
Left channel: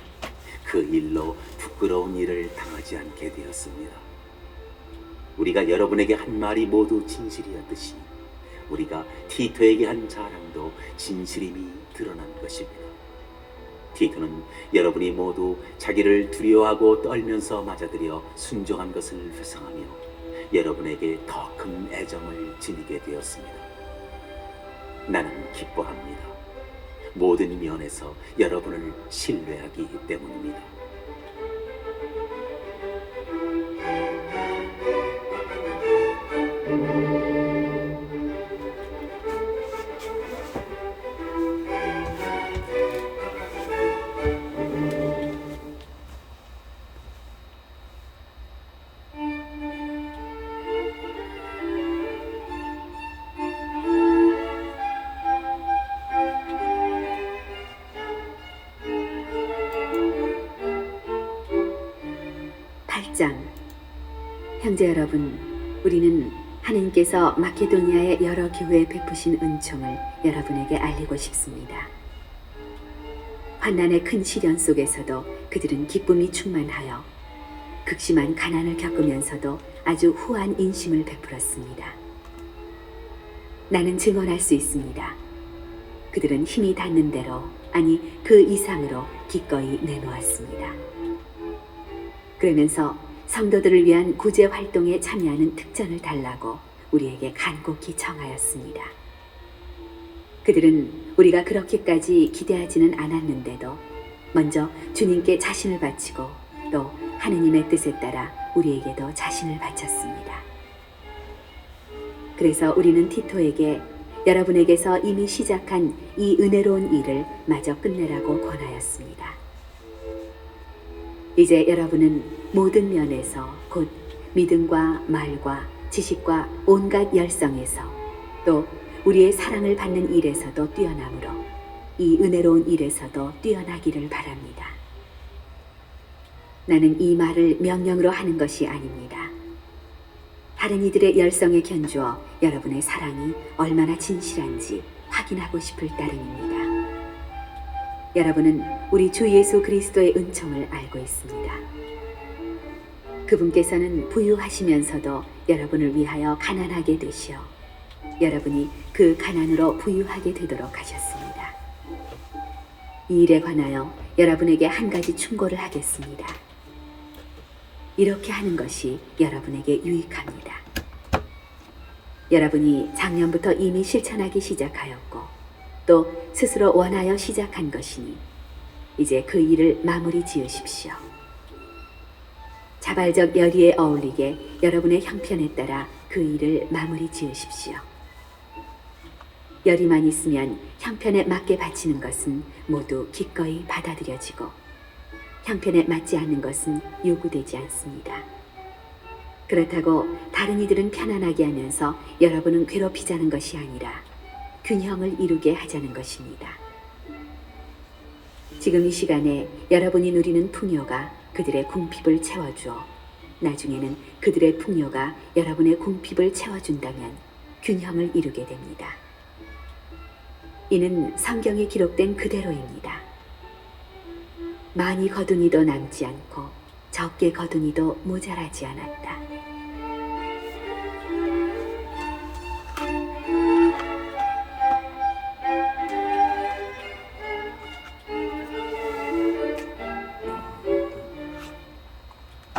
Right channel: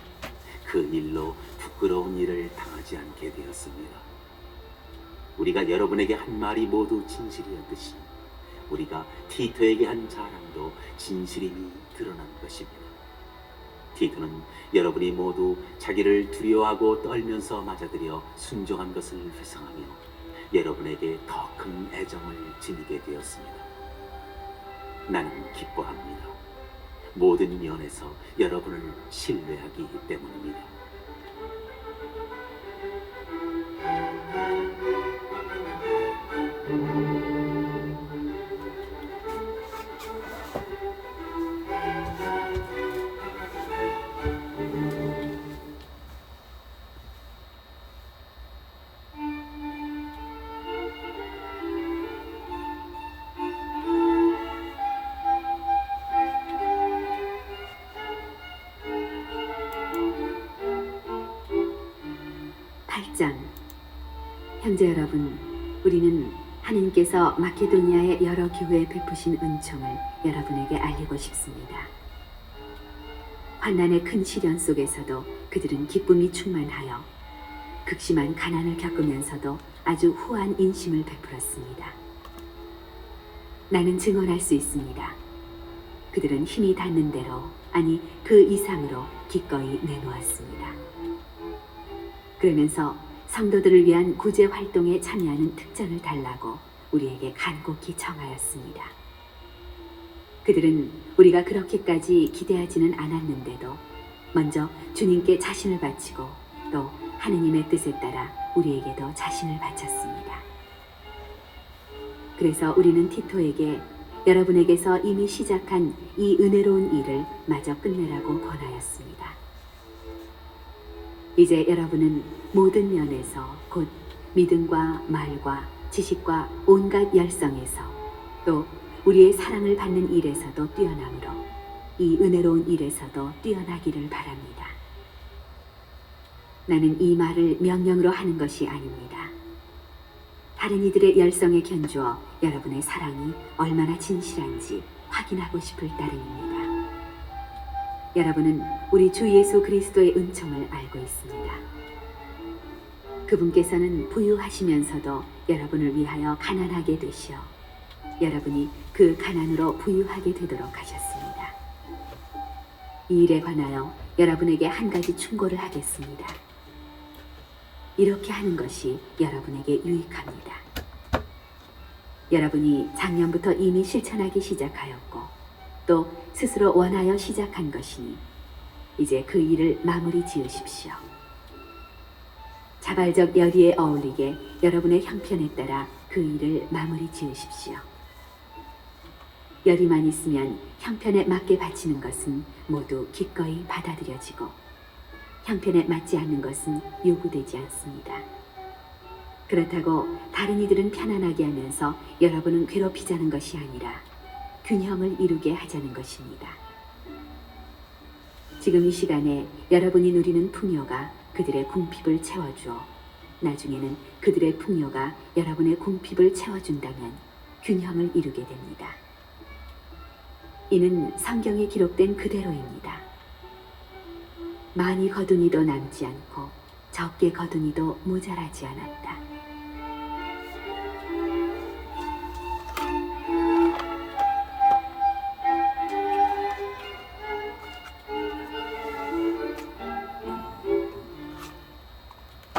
그 일로 부끄러운 일을 당하지 않게 되었습니다. 우리가 여러분에게 한 말이 모두 진실이었듯이 우리가 티토에게 한 자랑도 진실임이 드러난 것입니다. 티토는 여러분이 모두 자기를 두려워하고 떨면서 맞아들여 순종한 것을 회상하며 여러분에게 더 큰 애정을 지니게 되었습니다. 나는 기뻐합니다. 모든 면에서 여러분을 신뢰하기 때문입니다. 팔장 형제 여러분, 우리는 하나님께서 마케도니아의 여러 교회에 베푸신 은총을 여러분에게 알리고 싶습니다. 환난의 큰 시련 속에서도 그들은 기쁨이 충만하여 극심한 가난을 겪으면서도 아주 후한 인심을 베풀었습니다. 나는 증언할 수 있습니다. 그들은 힘이 닿는 대로, 아니 그 이상으로 기꺼이 내놓았습니다. 그러면서 성도들을 위한 구제 활동에 참여하는 특전을 달라고 우리에게 간곡히 청하였습니다. 그들은 우리가 그렇게까지 기대하지는 않았는데도 먼저 주님께 자신을 바치고 또 하느님의 뜻에 따라 우리에게도 자신을 바쳤습니다. 그래서 우리는 티토에게 여러분에게서 이미 시작한 이 은혜로운 일을 마저 끝내라고 권하였습니다. 이제 여러분은 모든 면에서 곧 믿음과 말과 지식과 온갖 열성에서 또 우리의 사랑을 받는 일에서도 뛰어나므로 이 은혜로운 일에서도 뛰어나기를 바랍니다. 나는 이 말을 명령으로 하는 것이 아닙니다. 다른 이들의 열성에 견주어 여러분의 사랑이 얼마나 진실한지 확인하고 싶을 따름입니다. 여러분은 우리 주 예수 그리스도의 은총을 알고 있습니다. 그분께서는 부유하시면서도 여러분을 위하여 가난하게 되시어 여러분이 그 가난으로 부유하게 되도록 하셨습니다. 이 일에 관하여 여러분에게 한 가지 충고를 하겠습니다. 이렇게 하는 것이 여러분에게 유익합니다. 여러분이 작년부터 이미 실천하기 시작하였고 또 스스로 원하여 시작한 것이니 이제 그 일을 마무리 지으십시오. 자발적 열의에 어울리게 여러분의 형편에 따라 그 일을 마무리 지으십시오. 열의만 있으면 형편에 맞게 바치는 것은 모두 기꺼이 받아들여지고 형편에 맞지 않는 것은 요구되지 않습니다. 그렇다고 다른 이들은 편안하게 하면서 여러분은 괴롭히자는 것이 아니라 균형을 이루게 하자는 것입니다. 지금 이 시간에 여러분이 누리는 풍요가 그들의 궁핍을 채워주어 나중에는 그들의 풍요가 여러분의 궁핍을 채워준다면 균형을 이루게 됩니다. 이는 성경에 기록된 그대로입니다. 많이 거두니도 남지 않고 적게 거두니도 모자라지 않았다.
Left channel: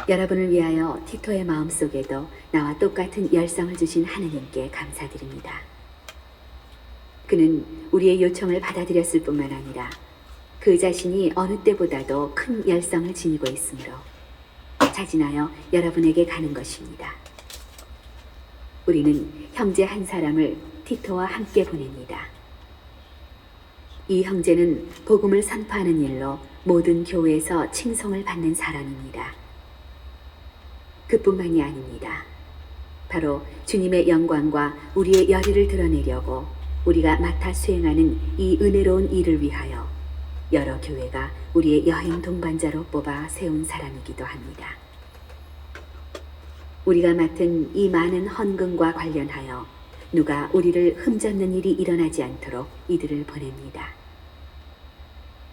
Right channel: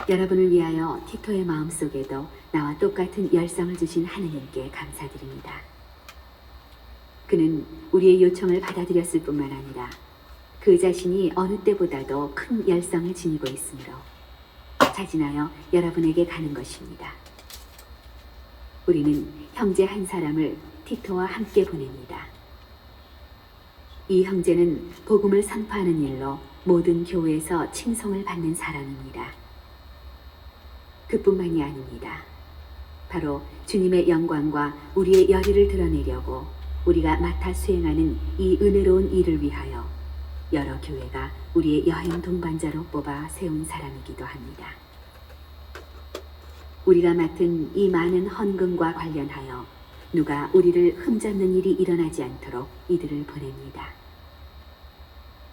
여러분을 위하여 티토의 마음속에도 나와 똑같은 열성을 주신 하느님께 감사드립니다. 그는 우리의 요청을 받아들였을 뿐만 아니라 그 자신이 어느 때보다도 큰 열성을 지니고 있으므로 자진하여 여러분에게 가는 것입니다. 우리는 형제 한 사람을 티토와 함께 보냅니다. 이 형제는 복음을 선포하는 일로 모든 교회에서 칭송을 받는 사람입니다. 그뿐만이 아닙니다. 바로 주님의 영광과 우리의 열의를 드러내려고 우리가 맡아 수행하는 이 은혜로운 일을 위하여 여러 교회가 우리의 여행 동반자로 뽑아 세운 사람이기도 합니다. 우리가 맡은 이 많은 헌금과 관련하여 누가 우리를 흠잡는 일이 일어나지 않도록 이들을 보냅니다.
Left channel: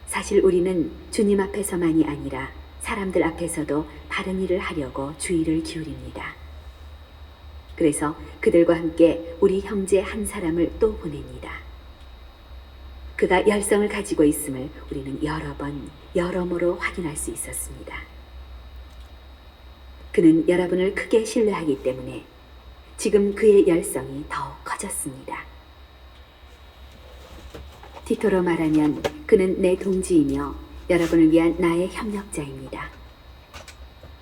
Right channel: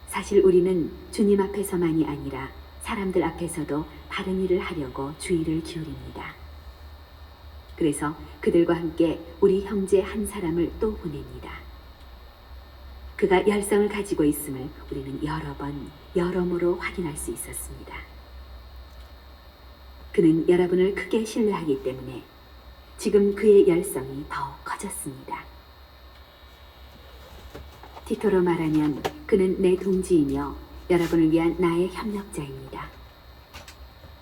사실 우리는 주님 앞에서만이 아니라 사람들 앞에서도 바른 일을 하려고 주의를 기울입니다. 그래서 그들과 함께 우리 형제 한 사람을 또 보냅니다. 그가 열성을 가지고 있음을 우리는 여러 번 여러모로 확인할 수 있었습니다. 그는 여러분을 크게 신뢰하기 때문에 지금 그의 열성이 더욱 커졌습니다. 디토로 말하면 그는 내 동지이며 여러분을 위한 나의 협력자입니다.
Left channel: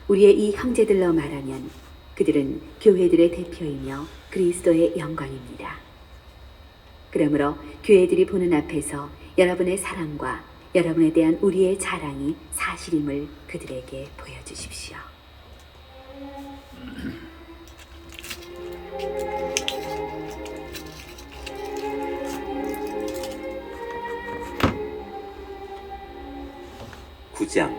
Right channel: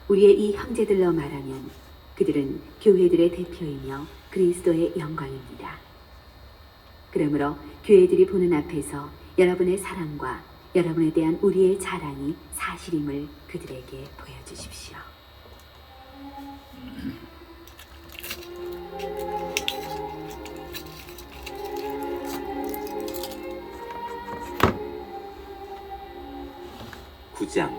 우리의 이 형제들로 말하면 그들은 교회들의 대표이며 그리스도의 영광입니다. 그러므로 교회들이 보는 앞에서 여러분의 사랑과 여러분에 대한 우리의 자랑이 사실임을 그들에게 보여주십시오. 구장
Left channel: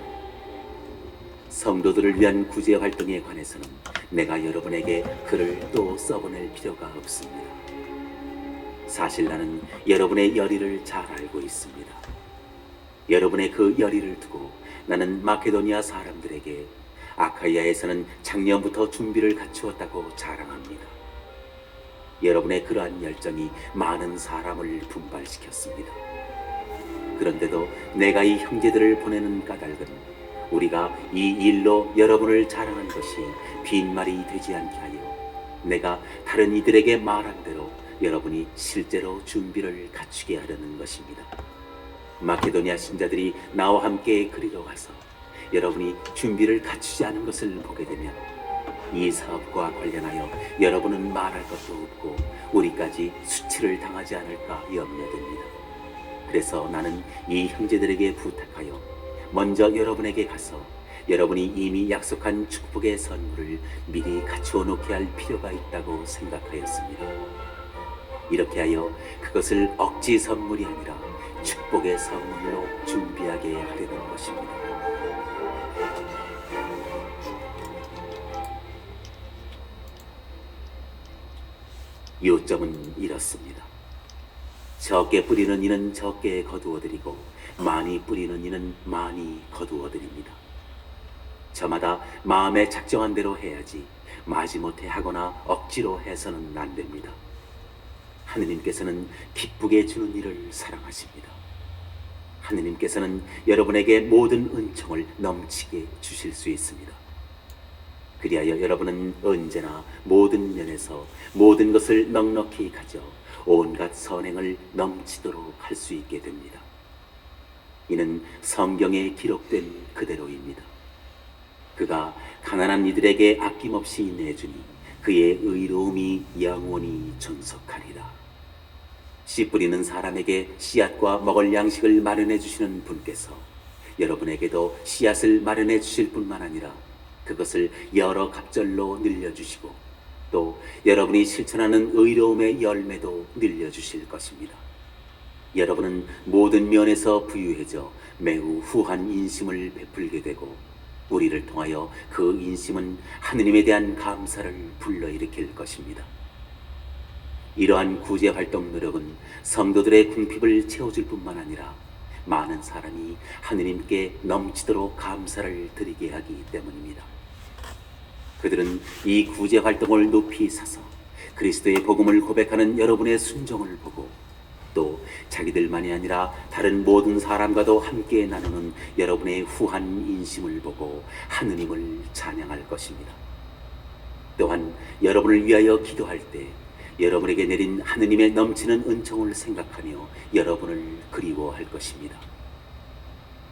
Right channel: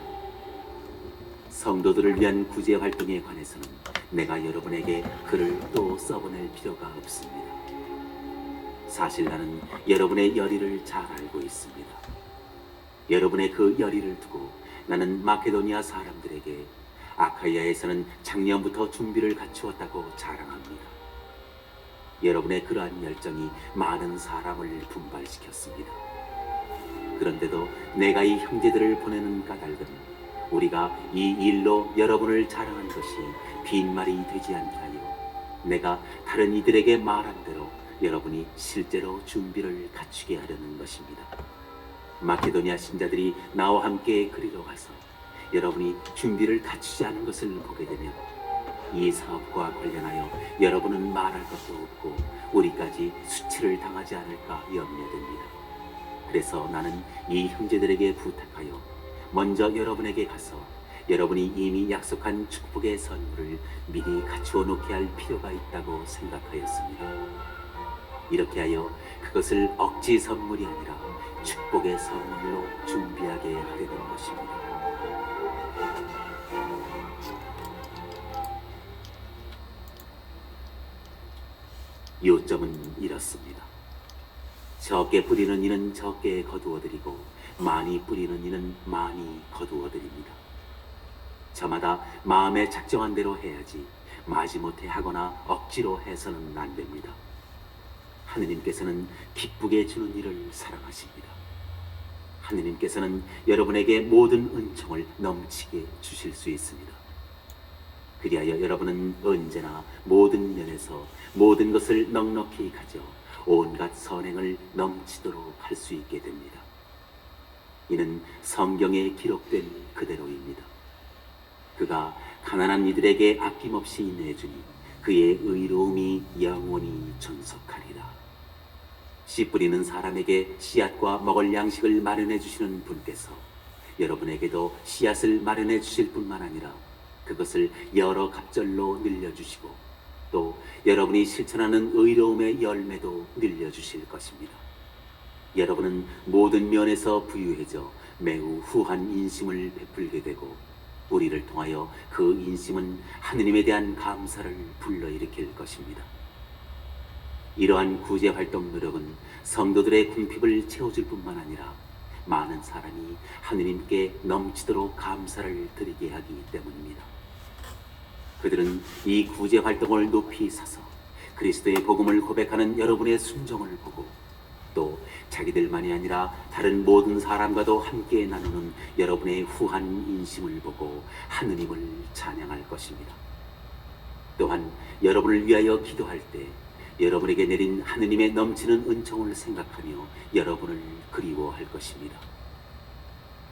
성도들을 위한 구제 활동에 관해서는 내가 여러분에게 글을 또 써보낼 필요가 없습니다. 사실 나는 여러분의 열의를 잘 알고 있습니다. 여러분의 그 열의를 두고 나는 마케도니아 사람들에게 아카이아에서는 작년부터 준비를 갖추었다고 자랑합니다. 여러분의 그러한 열정이 많은 사람을 분발시켰습니다. 그런데도 내가 이 형제들을 보내는 까닭은 우리가 이 일로 여러분을 자랑한 것이 빈말이 되지 않게 하여 내가 다른 이들에게 말한 대로 여러분이 실제로 준비를 갖추게 하려는 것입니다. 마케도니아 신자들이 나와 함께 그리로 가서 여러분이 준비를 갖추지 않은 것을 보게 되면 이 사업과 관련하여 여러분은 말할 것도 없고 우리까지 수치를 당하지 않을까 염려됩니다. 그래서 나는 이 형제들에게 부탁하여 먼저 여러분에게 가서 여러분이 이미 약속한 축복의 선물을 미리 갖추어 놓게 할 필요가 있다고 생각하였습니다. 이렇게 하여 그것을 억지 선물이 아니라 축복의 선물로 준비하게 하려는 것입니다. 요점은 이렇습니다. 적게 뿌리는 이는 적게 거두어드리고 많이 뿌리는 이는 많이 거두어드립니다. 저마다 마음에 작정한 대로 해야지 마지못해 하거나 억지로 해서는 안 됩니다. 하느님께서는 기쁘게 주는 일을 사랑하십니다. 하느님께서는 여러분에게 모든 은총을 넘치게 주실 수 있습니다. 그리하여 여러분은 언제나 모든 면에서 모든 것을 넉넉히 가져 온갖 선행을 넘치도록 할 수 있게 됩니다. 이는 성경에 기록된 그대로입니다. 그가 가난한 이들에게 아낌없이 내주니 그의 의로움이 영원히 존속하리라. 씨 뿌리는 사람에게 씨앗과 먹을 양식을 마련해 주시는 분께서 여러분에게도 씨앗을 마련해 주실 뿐만 아니라 그것을 여러 갑절로 늘려주시고 또 여러분이 실천하는 의로움의 열매도 늘려주실 것입니다. 여러분은 모든 면에서 부유해져 매우 후한 인심을 베풀게 되고 우리를 통하여 그 인심은 하느님에 대한 감사를 불러일으킬 것입니다. 이러한 구제활동 노력은 성도들의 궁핍을 채워줄 뿐만 아니라 많은 사람이 하느님께 넘치도록 감사를 드리게 하기 때문입니다. 그들은 이 구제활동을 높이 사서 그리스도의 복음을 고백하는 여러분의 순종을 보고 또 자기들만이 아니라 다른 모든 사람과도 함께 나누는 여러분의 후한 인심을 보고 하느님을 찬양할 것입니다. 또한 여러분을 위하여 기도할 때 여러분에게 내린 하느님의 넘치는 은총을 생각하며 여러분을 그리워할 것입니다.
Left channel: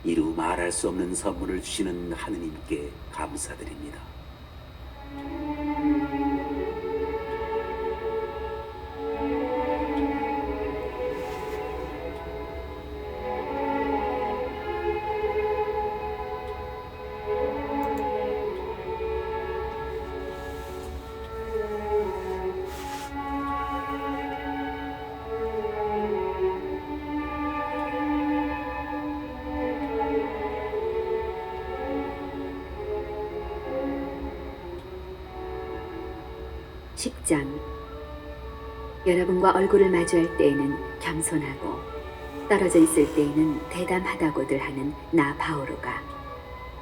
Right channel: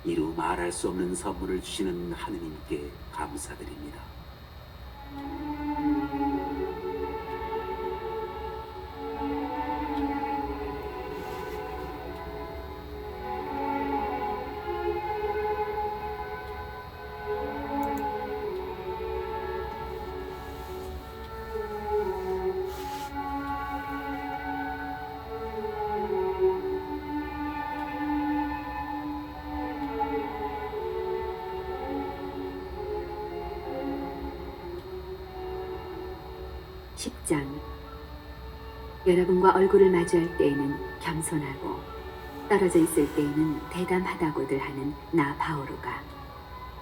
이루 말할 수 없는 선물을 주시는 하느님께 감사드립니다. (10장) 여러분과 얼굴을 마주할 때에는 겸손하고 떨어져 있을 때에는 대담하다고들 하는 나 바오로가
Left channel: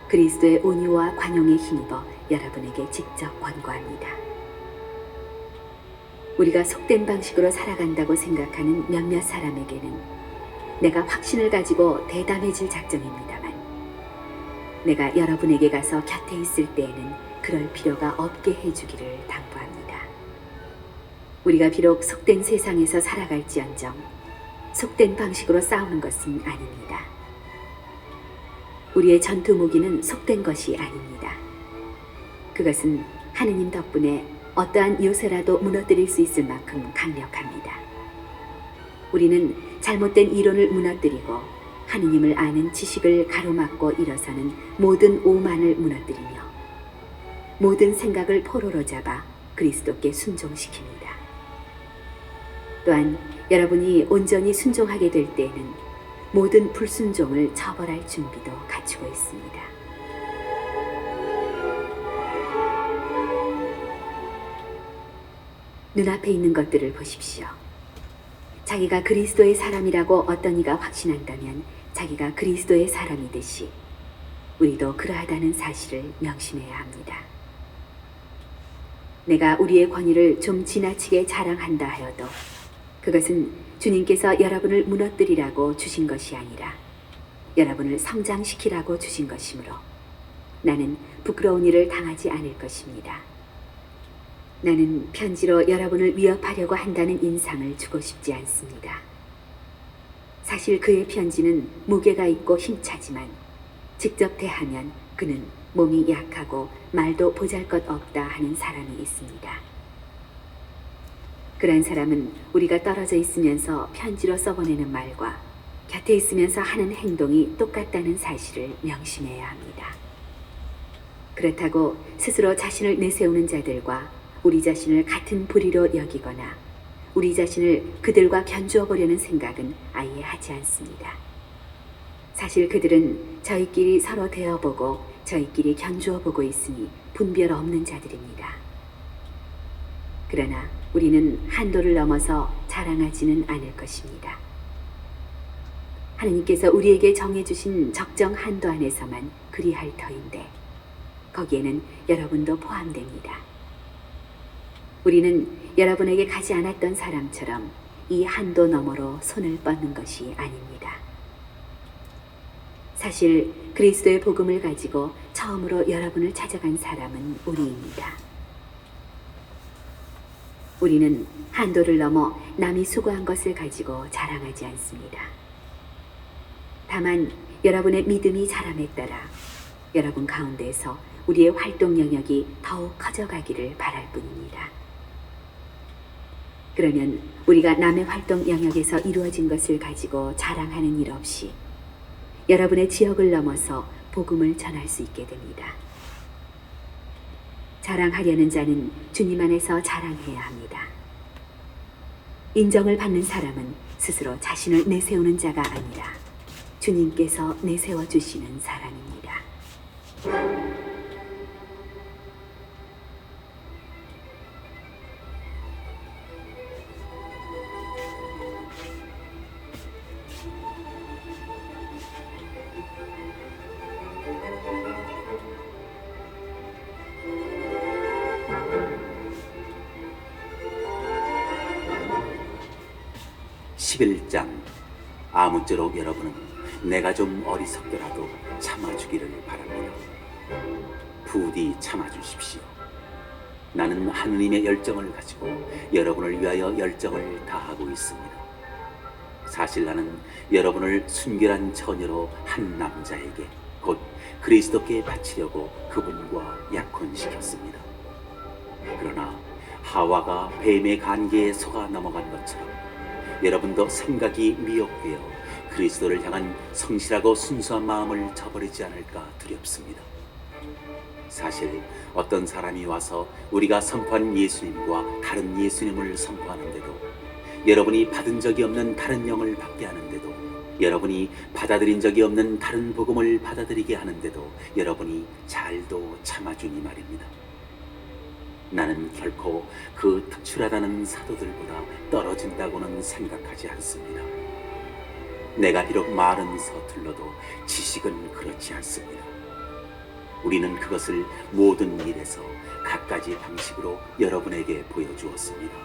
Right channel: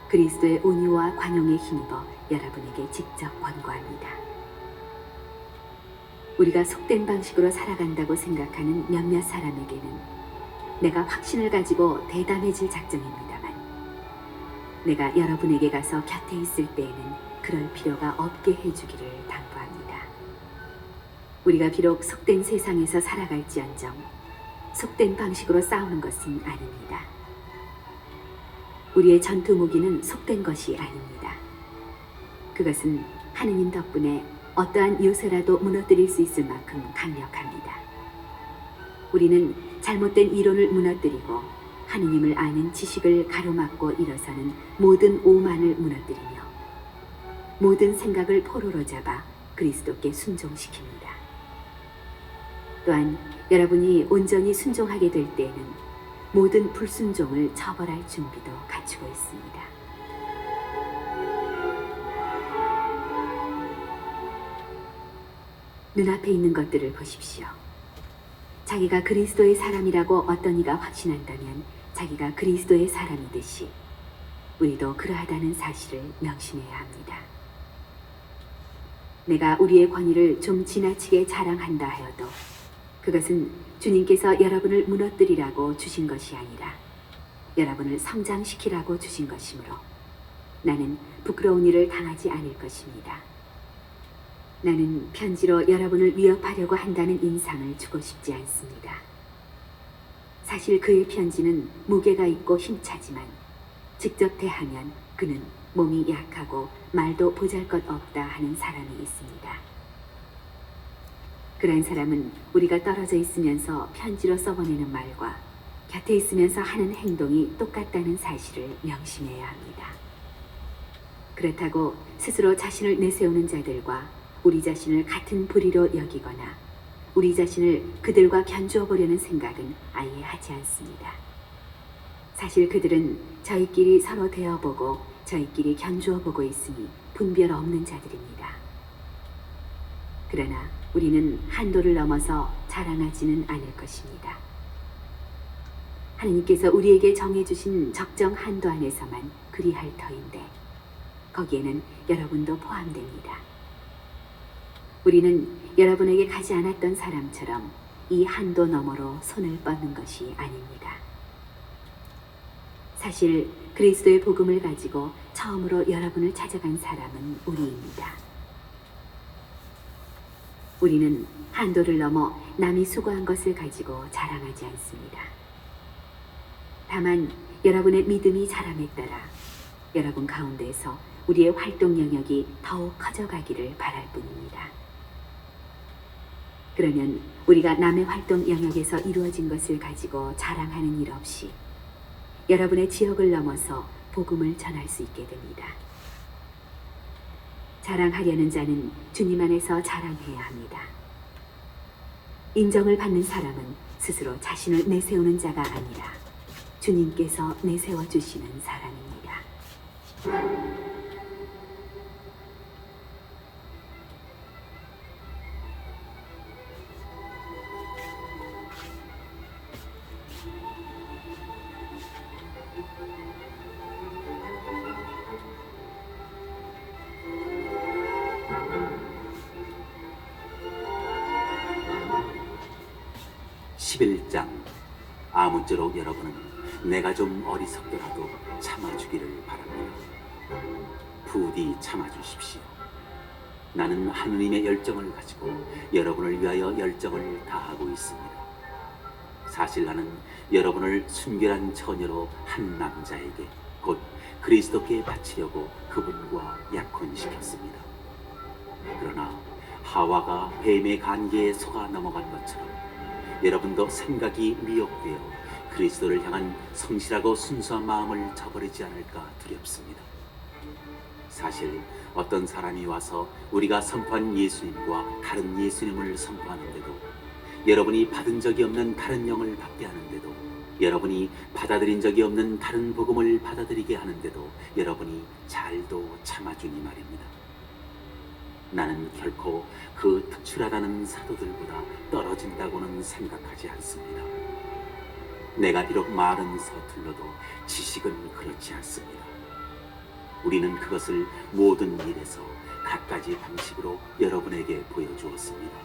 그리스도의 온유와 관용에 힘입어 여러분에게 직접 권고합니다. 우리가 속된 방식으로 살아간다고 생각하는 몇몇 사람에게는 내가 확신을 가지고 대담해질 작정입니다만 내가 여러분에게 가서 곁에 있을 때에는 그럴 필요가 없게 해주기를 당부합니다. 우리가 비록 속된 세상에서 살아갈지언정 속된 방식으로 싸우는 것은 아닙니다. 우리의 전투 무기는 속된 것이 아닙니다. 그것은 하느님 덕분에 어떠한 요새라도 무너뜨릴 수 있을 만큼 강력합니다. 우리는 잘못된 이론을 무너뜨리고 하느님을 아는 지식을 가로막고 일어서는 모든 오만을 무너뜨리며 모든 생각을 포로로 잡아 그리스도께 순종시킵니다. 또한 여러분이 온전히 순종하게 될 때에는 모든 불순종을 처벌할 준비도 갖추고 있습니다. 눈앞에 있는 것들을 보십시오. 자기가 그리스도의 사람이라고 어떤 이가 확신한다면 자기가 그리스도의 사람이듯이 우리도 그러하다는 사실을 명심해야 합니다. 내가 우리의 권위를 좀 지나치게 자랑한다 하여도 그것은 주님께서 여러분을 무너뜨리라고 주신 것이 아니라 여러분을 성장시키라고 주신 것이므로 나는 부끄러운 일을 당하지 않을 것입니다. 나는 편지로 여러분을 위협하려고 한다는 인상을 주고 싶지 않습니다. 사실 그의 편지는 무게가 있고 힘차지만 직접 대하면 그는 몸이 약하고 말도 보잘것없다 하는 사람이 있습니다. 그런 사람은 우리가 떨어져 있으면서 편지로 써보내는 말과 곁에 있으면서 하는 행동이 똑같다는 사실을 명심해야 합니다. 그렇다고 스스로 자신을 내세우는 자들과 우리 자신을 같은 부리로 여기거나 우리 자신을 그들과 견주어 보려는 생각은 아예 하지 않습니다. 사실 그들은 저희끼리 서로 대어보고 저희끼리 견주어 보고 있으니 분별 없는 자들입니다. 그러나 우리는 한도를 넘어서 자랑하지는 않을 것입니다. 하느님께서 우리에게 정해주신 적정 한도 안에서만 그리할 터인데 거기에는 여러분도 포함됩니다. 우리는 여러분에게 가지 않았던 사람처럼 이 한도 너머로 손을 뻗는 것이 아닙니다. 사실 그리스도의 복음을 가지고 처음으로 여러분을 찾아간 사람은 우리입니다. 우리는 한도를 넘어 남이 수고한 것을 가지고 자랑하지 않습니다. 다만 여러분의 믿음이 자람에 따라 여러분 가운데에서 우리의 활동 영역이 더욱 커져가기를 바랄 뿐입니다. 그러면 우리가 남의 활동 영역에서 이루어진 것을 가지고 자랑하는 일 없이 여러분의 지역을 넘어서 복음을 전할 수 있게 됩니다. 자랑하려는 자는 주님 안에서 자랑해야 합니다. 인정을 받는 사람은 스스로 자신을 내세우는 자가 아니라 주님께서 내세워 주시는 사람입니다. 11장. 아무쪼록 여러분은 내가 좀 어리석더라도 참아주기를 바랍니다. 부디 참아주십시오. 나는 하느님의 열정을 가지고 여러분을 위하여 열정을 다하고 있습니다. 사실 나는 여러분을 순결한 처녀로 한 남자에게 곧 그리스도께 바치려고 그분과 약혼시켰습니다. 그러나 하와가 뱀의 간계에 속아 넘어간 것처럼 여러분도 생각이 미혹되어 그리스도를 향한 성실하고 순수한 마음을 저버리지 않을까 두렵습니다. 사실 어떤 사람이 와서 우리가 선포한 예수님과 다른 예수님을 선포하는데도 여러분이 받은 적이 없는 다른 영을 받게 하는데도 여러분이 받아들인 적이 없는 다른 복음을 받아들이게 하는데도 여러분이 잘도 참아주니 말입니다. 나는 결코 그 특출하다는 사도들보다 떨어진다고는 생각하지 않습니다. 내가 비록 말은 서툴러도 지식은 그렇지 않습니다. 우리는 그것을 모든 일에서 갖가지 방식으로 여러분에게 보여주었습니다.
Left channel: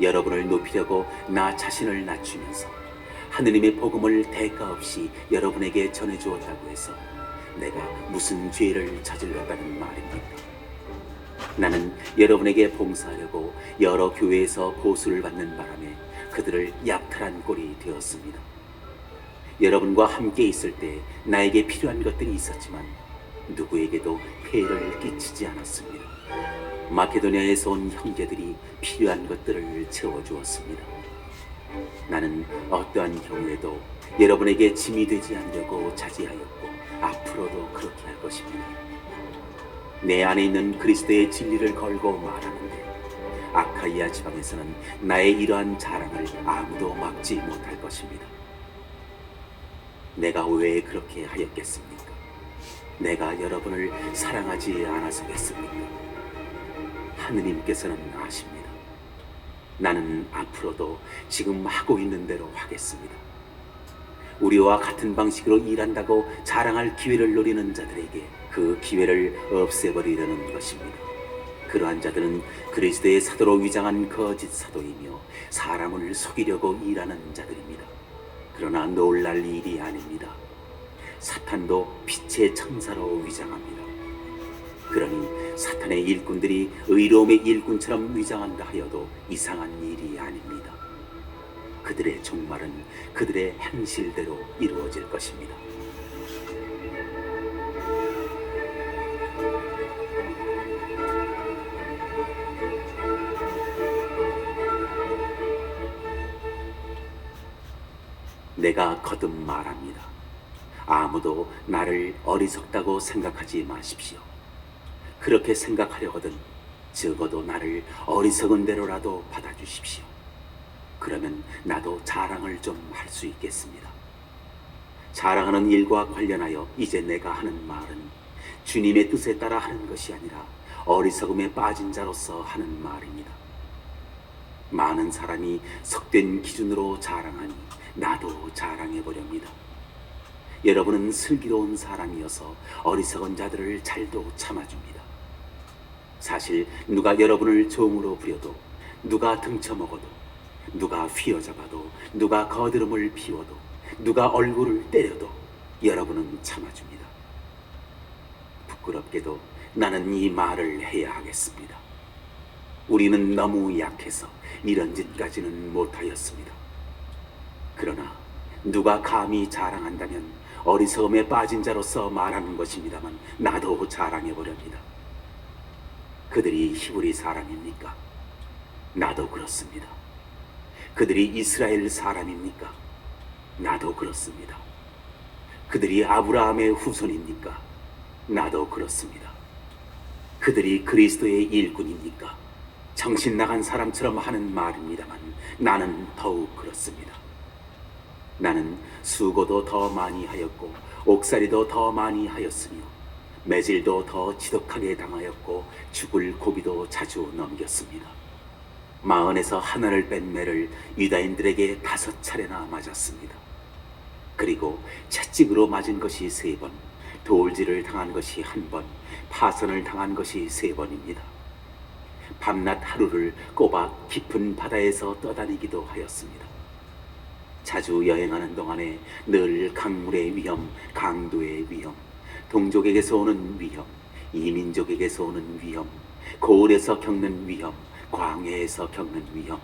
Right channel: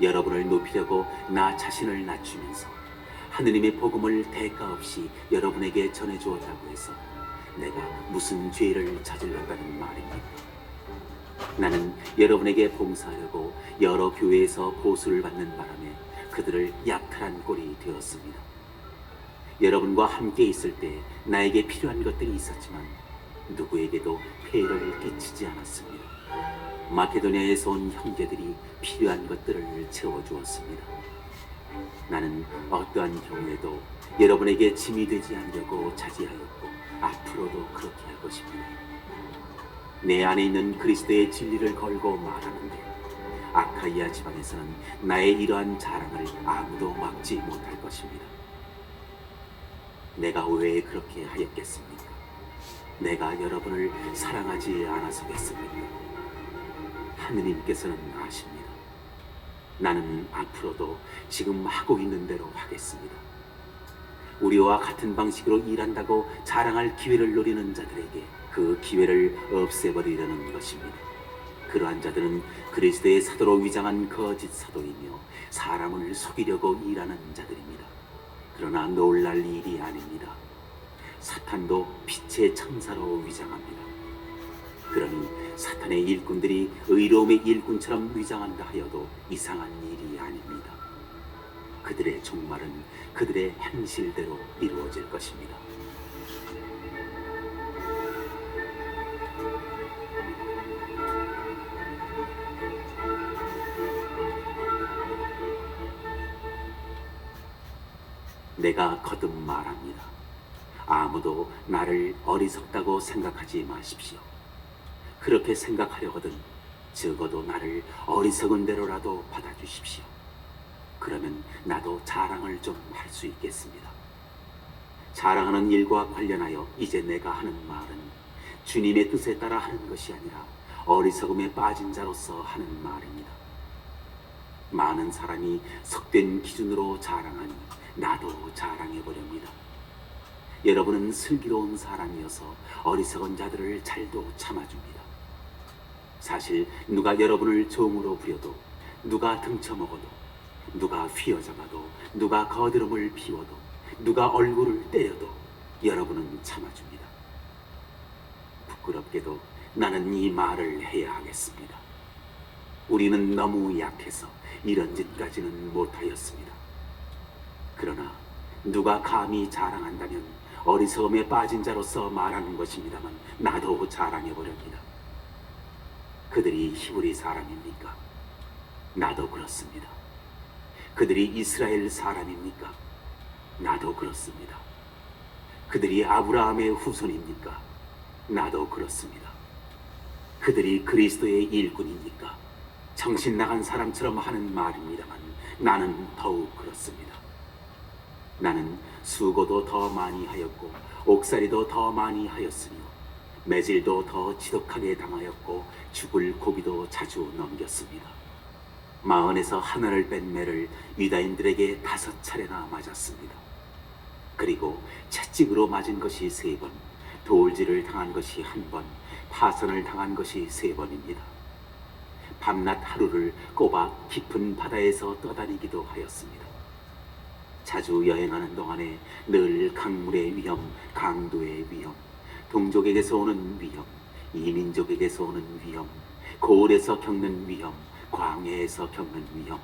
여러분을 높이려고 나 자신을 낮추면서 하느님의 복음을 대가 없이 여러분에게 전해주었다고 해서 내가 무슨 죄를 저질렀다는 말입니까? 나는 여러분에게 봉사하려고 여러 교회에서 보수를 받는 바람에 그들을 약탈한 꼴이 되었습니다. 여러분과 함께 있을 때 나에게 필요한 것들이 있었지만 누구에게도 폐해를 끼치지 않았습니다. 마케도니아에서 온 형제들이 필요한 것들을 채워주었습니다. 나는 어떠한 경우에도 여러분에게 짐이 되지 않으려고 자제하였고 앞으로도 그렇게 할 것입니다. 내 안에 있는 그리스도의 진리를 걸고 말하는데 아카이아 지방에서는 나의 이러한 자랑을 아무도 막지 못할 것입니다. 내가 왜 그렇게 하였겠습니까? 내가 여러분을 사랑하지 않아서겠습니까? 하느님께서는 아십니다. 나는 앞으로도 지금 하고 있는 대로 하겠습니다. 우리와 같은 방식으로 일한다고 자랑할 기회를 노리는 자들에게 그 기회를 없애버리려는 것입니다. 그러한 자들은 그리스도의 사도로 위장한 거짓 사도이며 사람을 속이려고 일하는 자들입니다. 그러나 놀랄 일이 아닙니다. 사탄도 빛의 천사로 위장합니다. 그러니 사탄의 일꾼들이 의로움의 일꾼처럼 위장한다 하여도 이상한 일이 아닙니다. 그들의 종말은 그들의 행실대로 이루어질 것입니다. 내가 거듭 말합니다. 아무도 나를 어리석다고 생각하지 마십시오. 그렇게 생각하려거든 적어도 나를 어리석은 대로라도 받아주십시오. 그러면 나도 자랑을 좀 할 수 있겠습니다. 자랑하는 일과 관련하여 이제 내가 하는 말은 주님의 뜻에 따라 하는 것이 아니라 어리석음에 빠진 자로서 하는 말입니다. 많은 사람이 속된 기준으로 자랑하니 나도 자랑해보렵니다. 여러분은 슬기로운 사람이어서 어리석은 자들을 잘도 참아줍니다. 사실 누가 여러분을 종으로 부려도, 누가 등쳐먹어도, 누가 휘어잡아도, 누가 거드름을 피워도, 누가 얼굴을 때려도 여러분은 참아줍니다. 부끄럽게도 나는 이 말을 해야 하겠습니다. 우리는 너무 약해서 이런 짓까지는 못하였습니다. 그러나 누가 감히 자랑한다면 어리석음에 빠진 자로서 말하는 것입니다만 나도 자랑해보렵니다. 그들이 히브리 사람입니까? 나도 그렇습니다. 그들이 이스라엘 사람입니까? 나도 그렇습니다. 그들이 아브라함의 후손입니까? 나도 그렇습니다. 그들이 그리스도의 일꾼입니까? 정신 나간 사람처럼 하는 말입니다만 나는 더욱 그렇습니다. 나는 수고도 더 많이 하였고 옥살이도 더 많이 하였으며 매질도 더 지독하게 당하였고 죽을 고비도 자주 넘겼습니다. 마흔에서 하나를 뺀 매를 유다인들에게 5차례나 맞았습니다. 그리고 채찍으로 맞은 것이 3번, 돌질을 당한 것이 1번, 파선을 당한 것이 3번입니다. 밤낮 하루를 꼬박 깊은 바다에서 떠다니기도 하였습니다. 자주 여행하는 동안에 늘 강물의 위험, 강도의 위험, 동족에게서 오는 위험, 이민족에게서 오는 위험, 고을에서 겪는 위험, 광야에서 겪는 위험,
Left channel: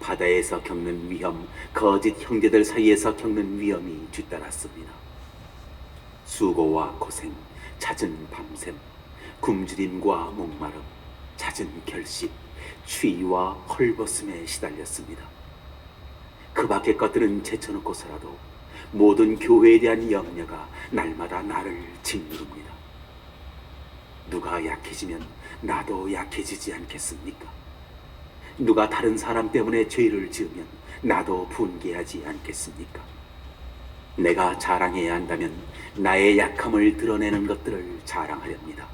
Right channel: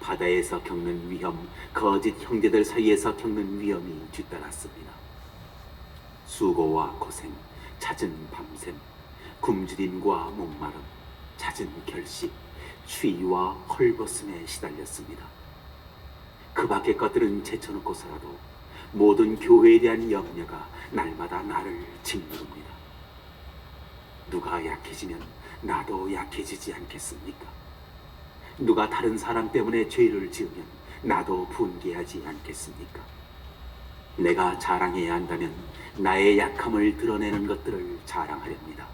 바다에서 겪는 위험, 거짓 형제들 사이에서 겪는 위험이 뒤따랐습니다. 수고와 고생, 잦은 밤샘, 굶주림과 목마름, 잦은 결식, 추위와 헐벗음에 시달렸습니다. 그 밖의 것들은 제쳐놓고서라도 모든 교회에 대한 염려가 날마다 나를 짓누릅니다. 누가 약해지면 나도 약해지지 않겠습니까? 누가 다른 사람 때문에 죄를 지으면 나도 분개하지 않겠습니까? 내가 자랑해야 한다면 나의 약함을 드러내는 것들을 자랑하렵니다.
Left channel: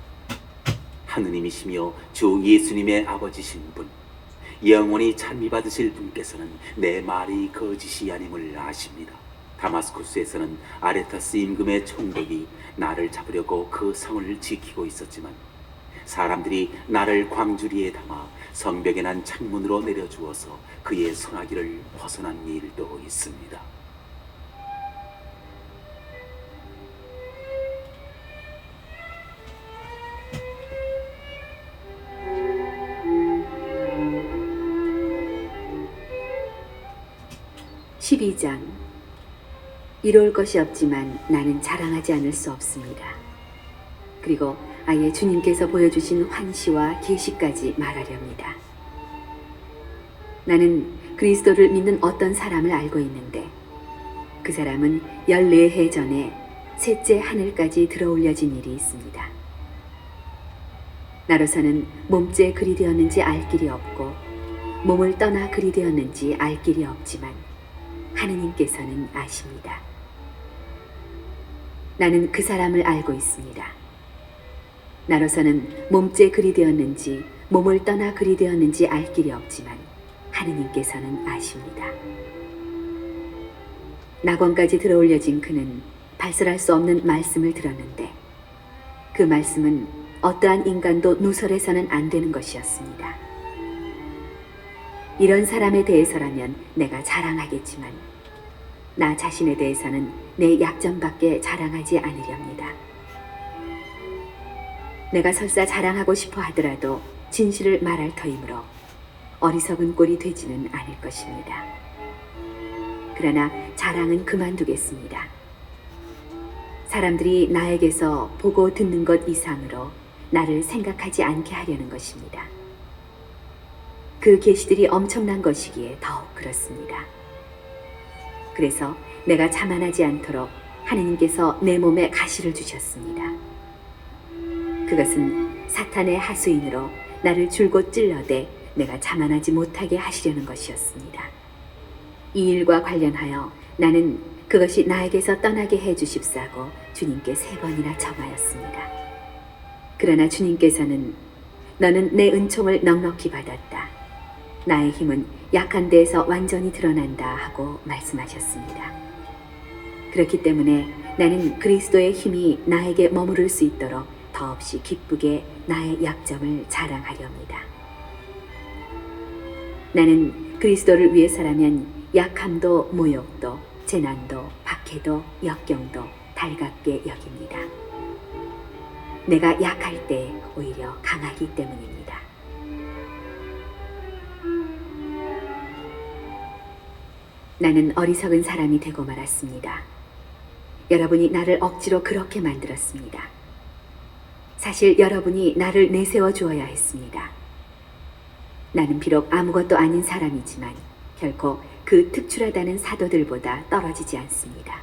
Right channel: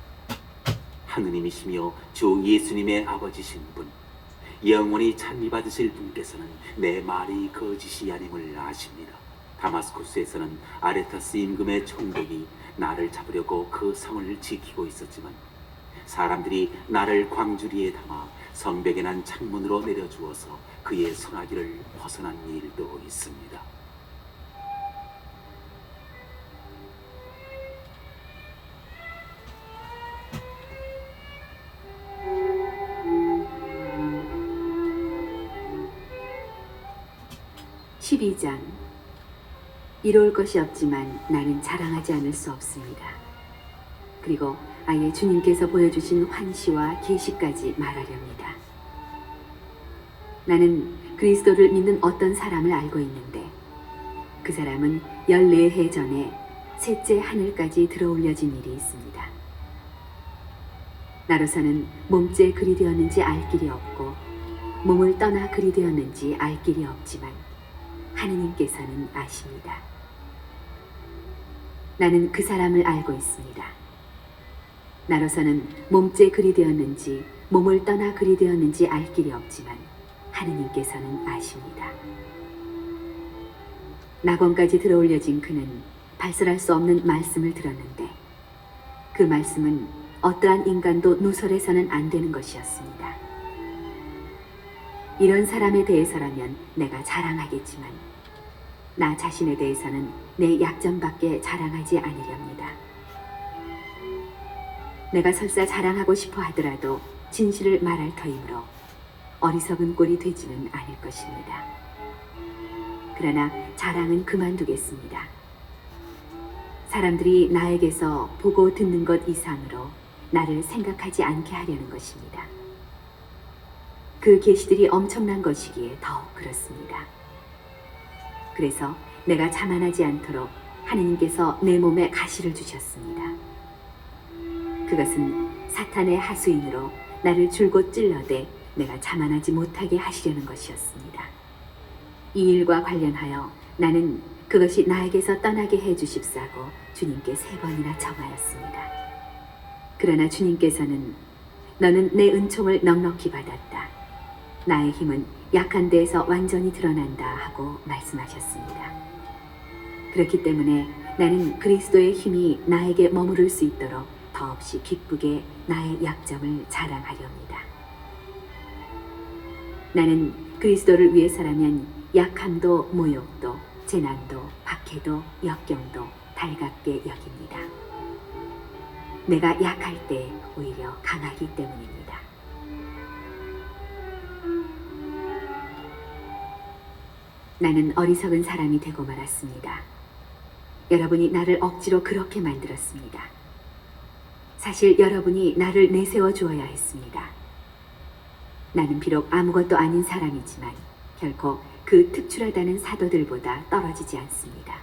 하느님이시며 주 예수님의 아버지신 분, 영원히 찬미받으실 분께서는 내 말이 거짓이 아님을 아십니다. 다마스쿠스에서는 아레타스 임금의 총독이 나를 잡으려고 그 성을 지키고 있었지만 사람들이 나를 광주리에 담아 성벽에 난 창문으로 내려주어서 그의 소나기를 벗어난 일도 있습니다. 12장. 이로울 것이 없지만 나는 자랑하지 않을 수 없습니다. 그리고 아예 주님께서 보여주신 환시와 계시까지 말하렵니다. 나는 그리스도를 믿는 어떤 사람을 알고 있는데 그 사람은 14해 전에 셋째 하늘까지 들어올려진 일이 있습니다. 나로서는 몸째 그리 되었는지 알 길이 없고 몸을 떠나 그리 되었는지 알 길이 없지만 하느님께서는 아십니다. 나는 그 사람을 알고 있습니다. 나로서는 몸째 그리 되었는지 몸을 떠나 그리 되었는지 알 길이 없지만 하느님께서는 아십니다. 낙원까지 들어올려진 그는 발설할 수 없는 말씀을 들었는데 그 말씀은 어떠한 인간도 누설해서는 안 되는 것이었습니다. 이런 사람에 대해서라면 내가 자랑하겠지만 나 자신에 대해서는 내 약점밖에 자랑하지 않으렵니다. 내가 설사 자랑하고 싶어 하더라도 진실을 말할 터이므로 어리석은 꼴이 되지는 않을 것입니다. 그러나 자랑은 그만두겠습니다. 사람들이 나에게서 보고 듣는 것 이상으로 나를 생각하지 않게 하려는 것입니다. 그 계시들이 엄청난 것이기에 더욱 그렇습니다. 그래서 내가 자만하지 않도록 하느님께서 내 몸에 가시를 주셨습니다. 그것은 사탄의 하수인으로 나를 줄곧 찔러대 내가 자만하지 못하게 하시려는 것이었습니다. 이 일과 관련하여 나는 그것이 나에게서 떠나게 해주십사고 주님께 3번이나 청하였습니다. 그러나 주님께서는 너는 내 은총을 넉넉히 받았다. 나의 힘은 약한 데에서 완전히 드러난다 하고 말씀하셨습니다. 그렇기 때문에 나는 그리스도의 힘이 나에게 머무를 수 있도록 더없이 기쁘게 나의 약점을 자랑하렵니다. 나는 그리스도를 위해서라면 약함도 모욕도 재난도 박해도 역경도 달갑게 여깁니다. 내가 약할 때 오히려 강하기 때문입니다. 나는 어리석은 사람이 되고 말았습니다. 여러분이 나를 억지로 그렇게 만들었습니다. 사실 여러분이 나를 내세워 주어야 했습니다. 나는 비록 아무것도 아닌 사람이지만 결코 그 특출하다는 사도들보다 떨어지지 않습니다.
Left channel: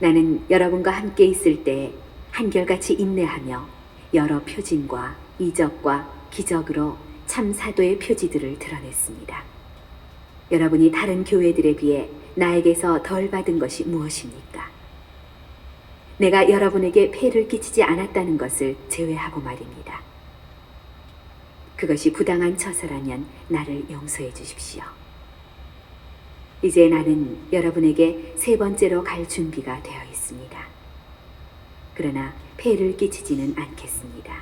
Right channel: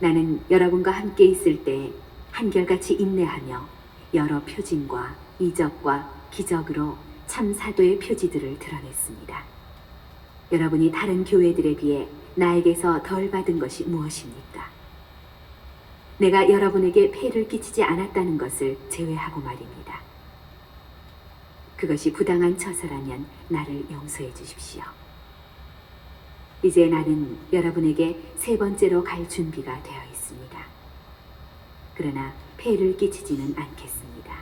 나는 여러분과 함께 있을 때 한결같이 인내하며 여러 표징과 이적과 기적으로 참 사도의 표지들을 드러냈습니다. 여러분이 다른 교회들에 비해 나에게서 덜 받은 것이 무엇입니까? 내가 여러분에게 폐를 끼치지 않았다는 것을 제외하고 말입니다. 그것이 부당한 처사라면 나를 용서해 주십시오. 이제 나는 여러분에게 3번째로 갈 준비가 되어 있습니다. 그러나 폐를 끼치지는 않겠습니다.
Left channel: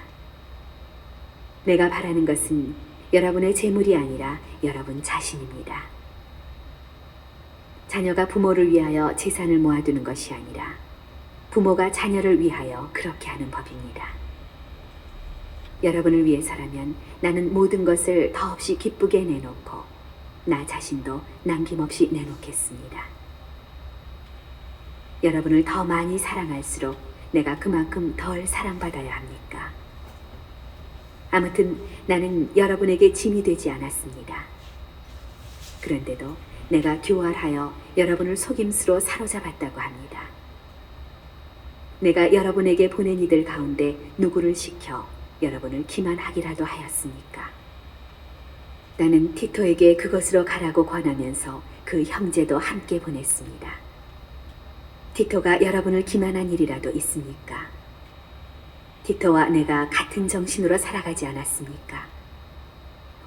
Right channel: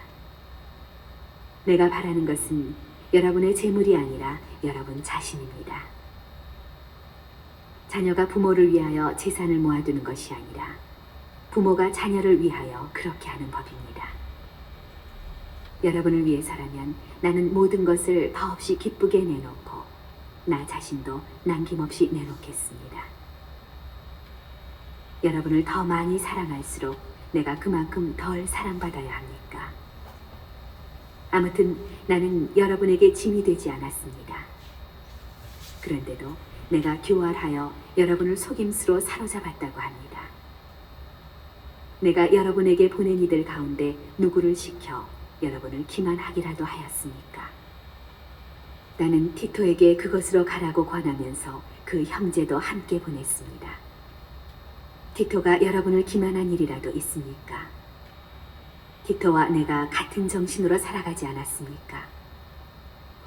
내가 바라는 것은 여러분의 재물이 아니라 여러분 자신입니다. 자녀가 부모를 위하여 재산을 모아두는 것이 아니라 부모가 자녀를 위하여 그렇게 하는 법입니다. 여러분을 위해서라면 나는 모든 것을 더없이 기쁘게 내놓고 나 자신도 남김없이 내놓겠습니다. 여러분을 더 많이 사랑할수록 내가 그만큼 덜 사랑받아야 합니까? 아무튼 나는 여러분에게 짐이 되지 않았습니다. 그런데도 내가 교활하여 여러분을 속임수로 사로잡았다고 합니다. 내가 여러분에게 보낸 이들 가운데 누구를 시켜 여러분을 기만하기라도 하였습니까? 나는 티토에게 그것으로 가라고 권하면서 그 형제도 함께 보냈습니다. 티토가 여러분을 기만한 일이라도 있습니까? 티토와 내가 같은 정신으로 살아가지 않았습니까?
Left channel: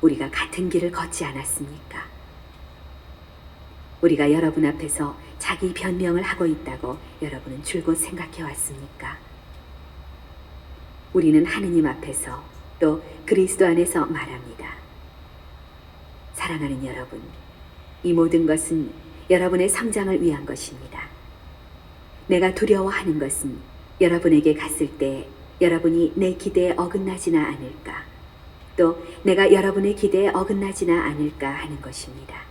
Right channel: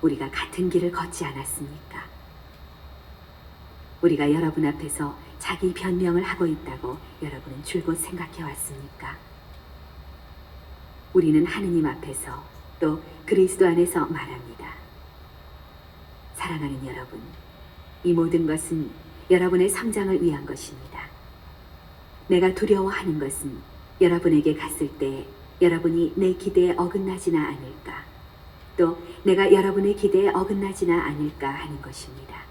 우리가 같은 길을 걷지 않았습니까? 우리가 여러분 앞에서 자기 변명을 하고 있다고 여러분은 줄곧 생각해 왔습니까? 우리는 하느님 앞에서 또 그리스도 안에서 말합니다. 사랑하는 여러분, 이 모든 것은 여러분의 성장을 위한 것입니다. 내가 두려워하는 것은 여러분에게 갔을 때 여러분이 내 기대에 어긋나지나 않을까, 또 내가 여러분의 기대에 어긋나지나 않을까 하는 것입니다.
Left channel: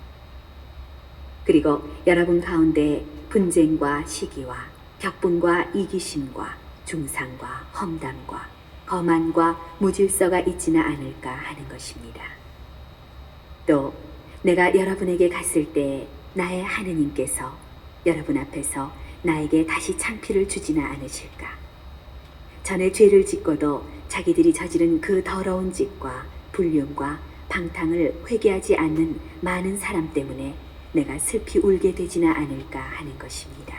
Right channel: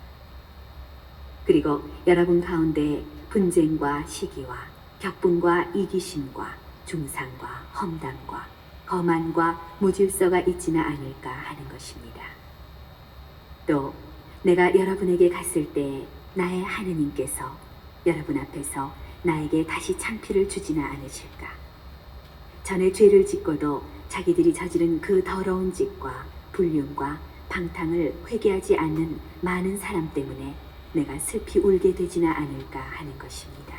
그리고 여러분 가운데 분쟁과 시기와 격분과 이기심과 중상과 험담과 거만과 무질서가 있지는 않을까 하는 것입니다. 또 내가 여러분에게 갔을 때 나의 하느님께서 여러분 앞에서 나에게 다시 창피를 주지는 않으실까? 전에 죄를 짓고도 자기들이 저지른 그 더러운 짓과 불륜과 방탕을 회개하지 않는 많은 사람 때문에 내가 슬피 울게 되지는 않을까 하는 것입니다.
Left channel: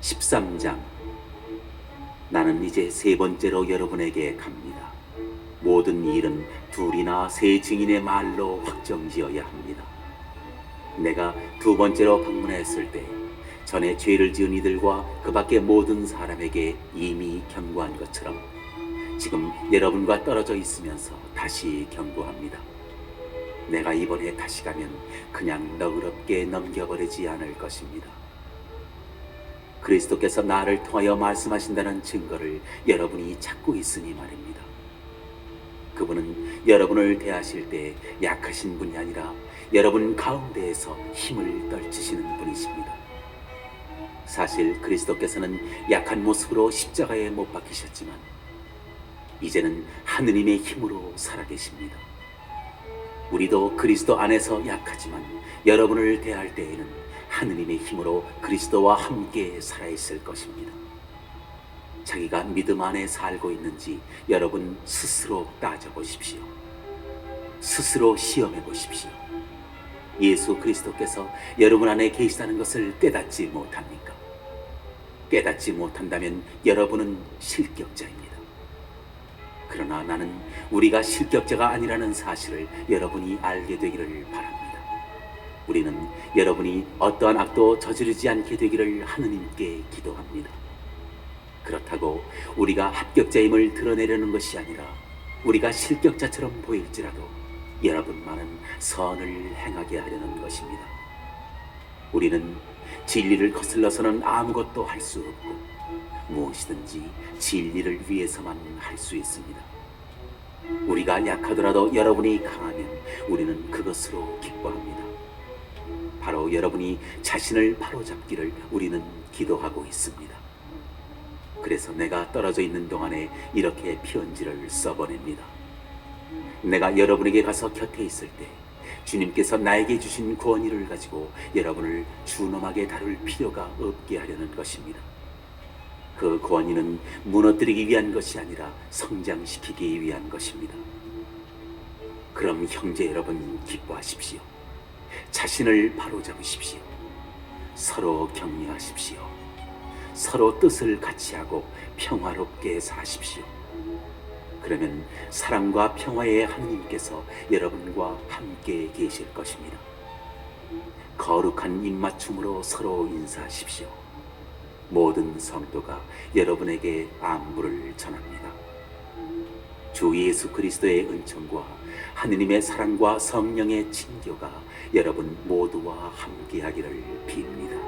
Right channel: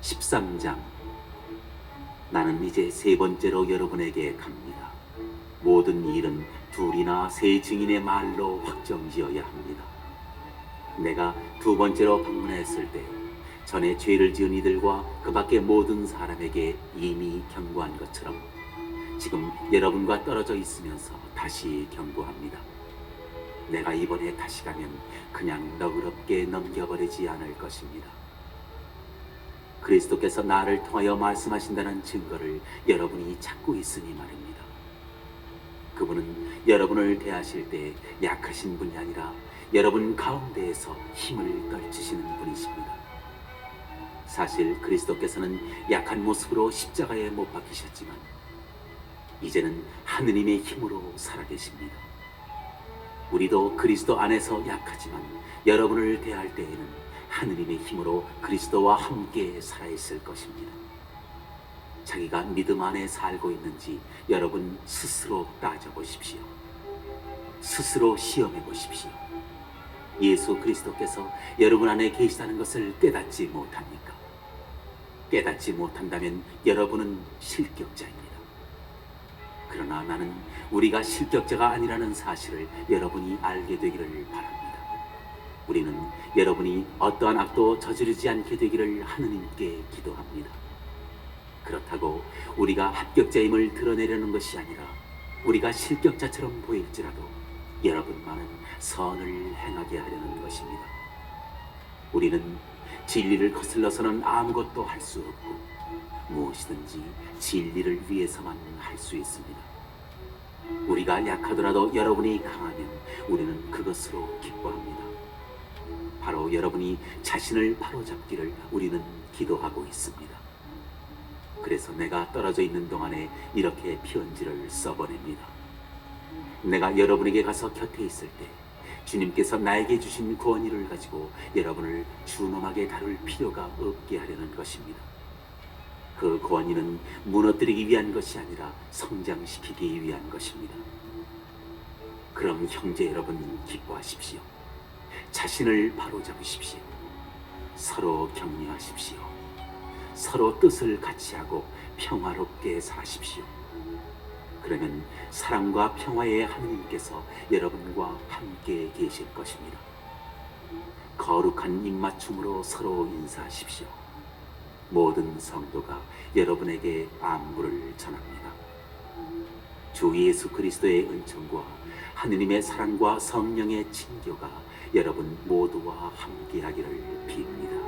13장. 나는 이제 세 번째로 여러분에게 갑니다. 모든 일은 둘이나 세 증인의 말로 확정지어야 합니다. 내가 두 번째로 방문했을 때 전에 죄를 지은 이들과 그 밖의 모든 사람에게 이미 경고한 것처럼 지금 여러분과 떨어져 있으면서 다시 경고합니다. 내가 이번에 다시 가면 그냥 너그럽게 넘겨버리지 않을 것입니다. 그리스도께서 나를 통하여 말씀하신다는 증거를 여러분이 찾고 있으니 말입니다. 그분은 여러분을 대하실 때 약하신 분이 아니라 여러분 가운데에서 힘을 떨치시는 분이십니다. 사실 그리스도께서는 약한 모습으로 십자가에 못 박히셨지만 이제는 하느님의 힘으로 살아계십니다. 우리도 그리스도 안에서 약하지만 여러분을 대할 때에는 하느님의 힘으로 그리스도와 함께 살아있을 것입니다. 자기가 믿음 안에 살고 있는지 여러분 스스로 따져보십시오. 스스로 시험해 보십시오. 예수 그리스도께서 여러분 안에 계시다는 것을 깨닫지 못합니까? 깨닫지 못한다면 여러분은 실격자입니다. 그러나 나는 우리가 실격자가 아니라는 사실을 여러분이 알게 되기를 바랍니다. 우리는 여러분이 어떠한 악도 저지르지 않게 되기를 하느님께 기도합니다. 그렇다고 우리가 합격자임을 드러내려는 것이 아니라 우리가 실격자처럼 보일지라도 여러분만은 선을 행하게 하려는 것입니다. 우리는 진리를 거슬러서는 아무것도 할 수 없고 무엇이든지 진리를 위해서만 할 수 있습니다. 우리가 약하더라도 여러분이 강하면 우리는 그것으로 기뻐합니다. 바로 여러분이 자신을 바로잡기를 우리는 기도하고 있습니다. 그래서 내가 떨어져 있는 동안에 이렇게 편지를 써보냅니다. 내가 여러분에게 가서 곁에 있을 때 주님께서 나에게 주신 권위를 가지고 여러분을 준엄하게 다룰 필요가 없게 하려는 것입니다. 그 권위는 무너뜨리기 위한 것이 아니라 성장시키기 위한 것입니다. 그럼 형제 여러분 기뻐하십시오. 자신을 바로잡으십시오. 서로 격려하십시오. 서로 뜻을 같이 하고 평화롭게 사십시오. 그러면 사랑과 평화의 하느님께서 여러분과 함께 계실 것입니다. 거룩한 입맞춤으로 서로 인사하십시오. 모든 성도가 여러분에게 안부를 전합니다. 주 예수 그리스도의 은총과 하느님의 사랑과 성령의 친교가 여러분 모두와 함께하기를 빕니다.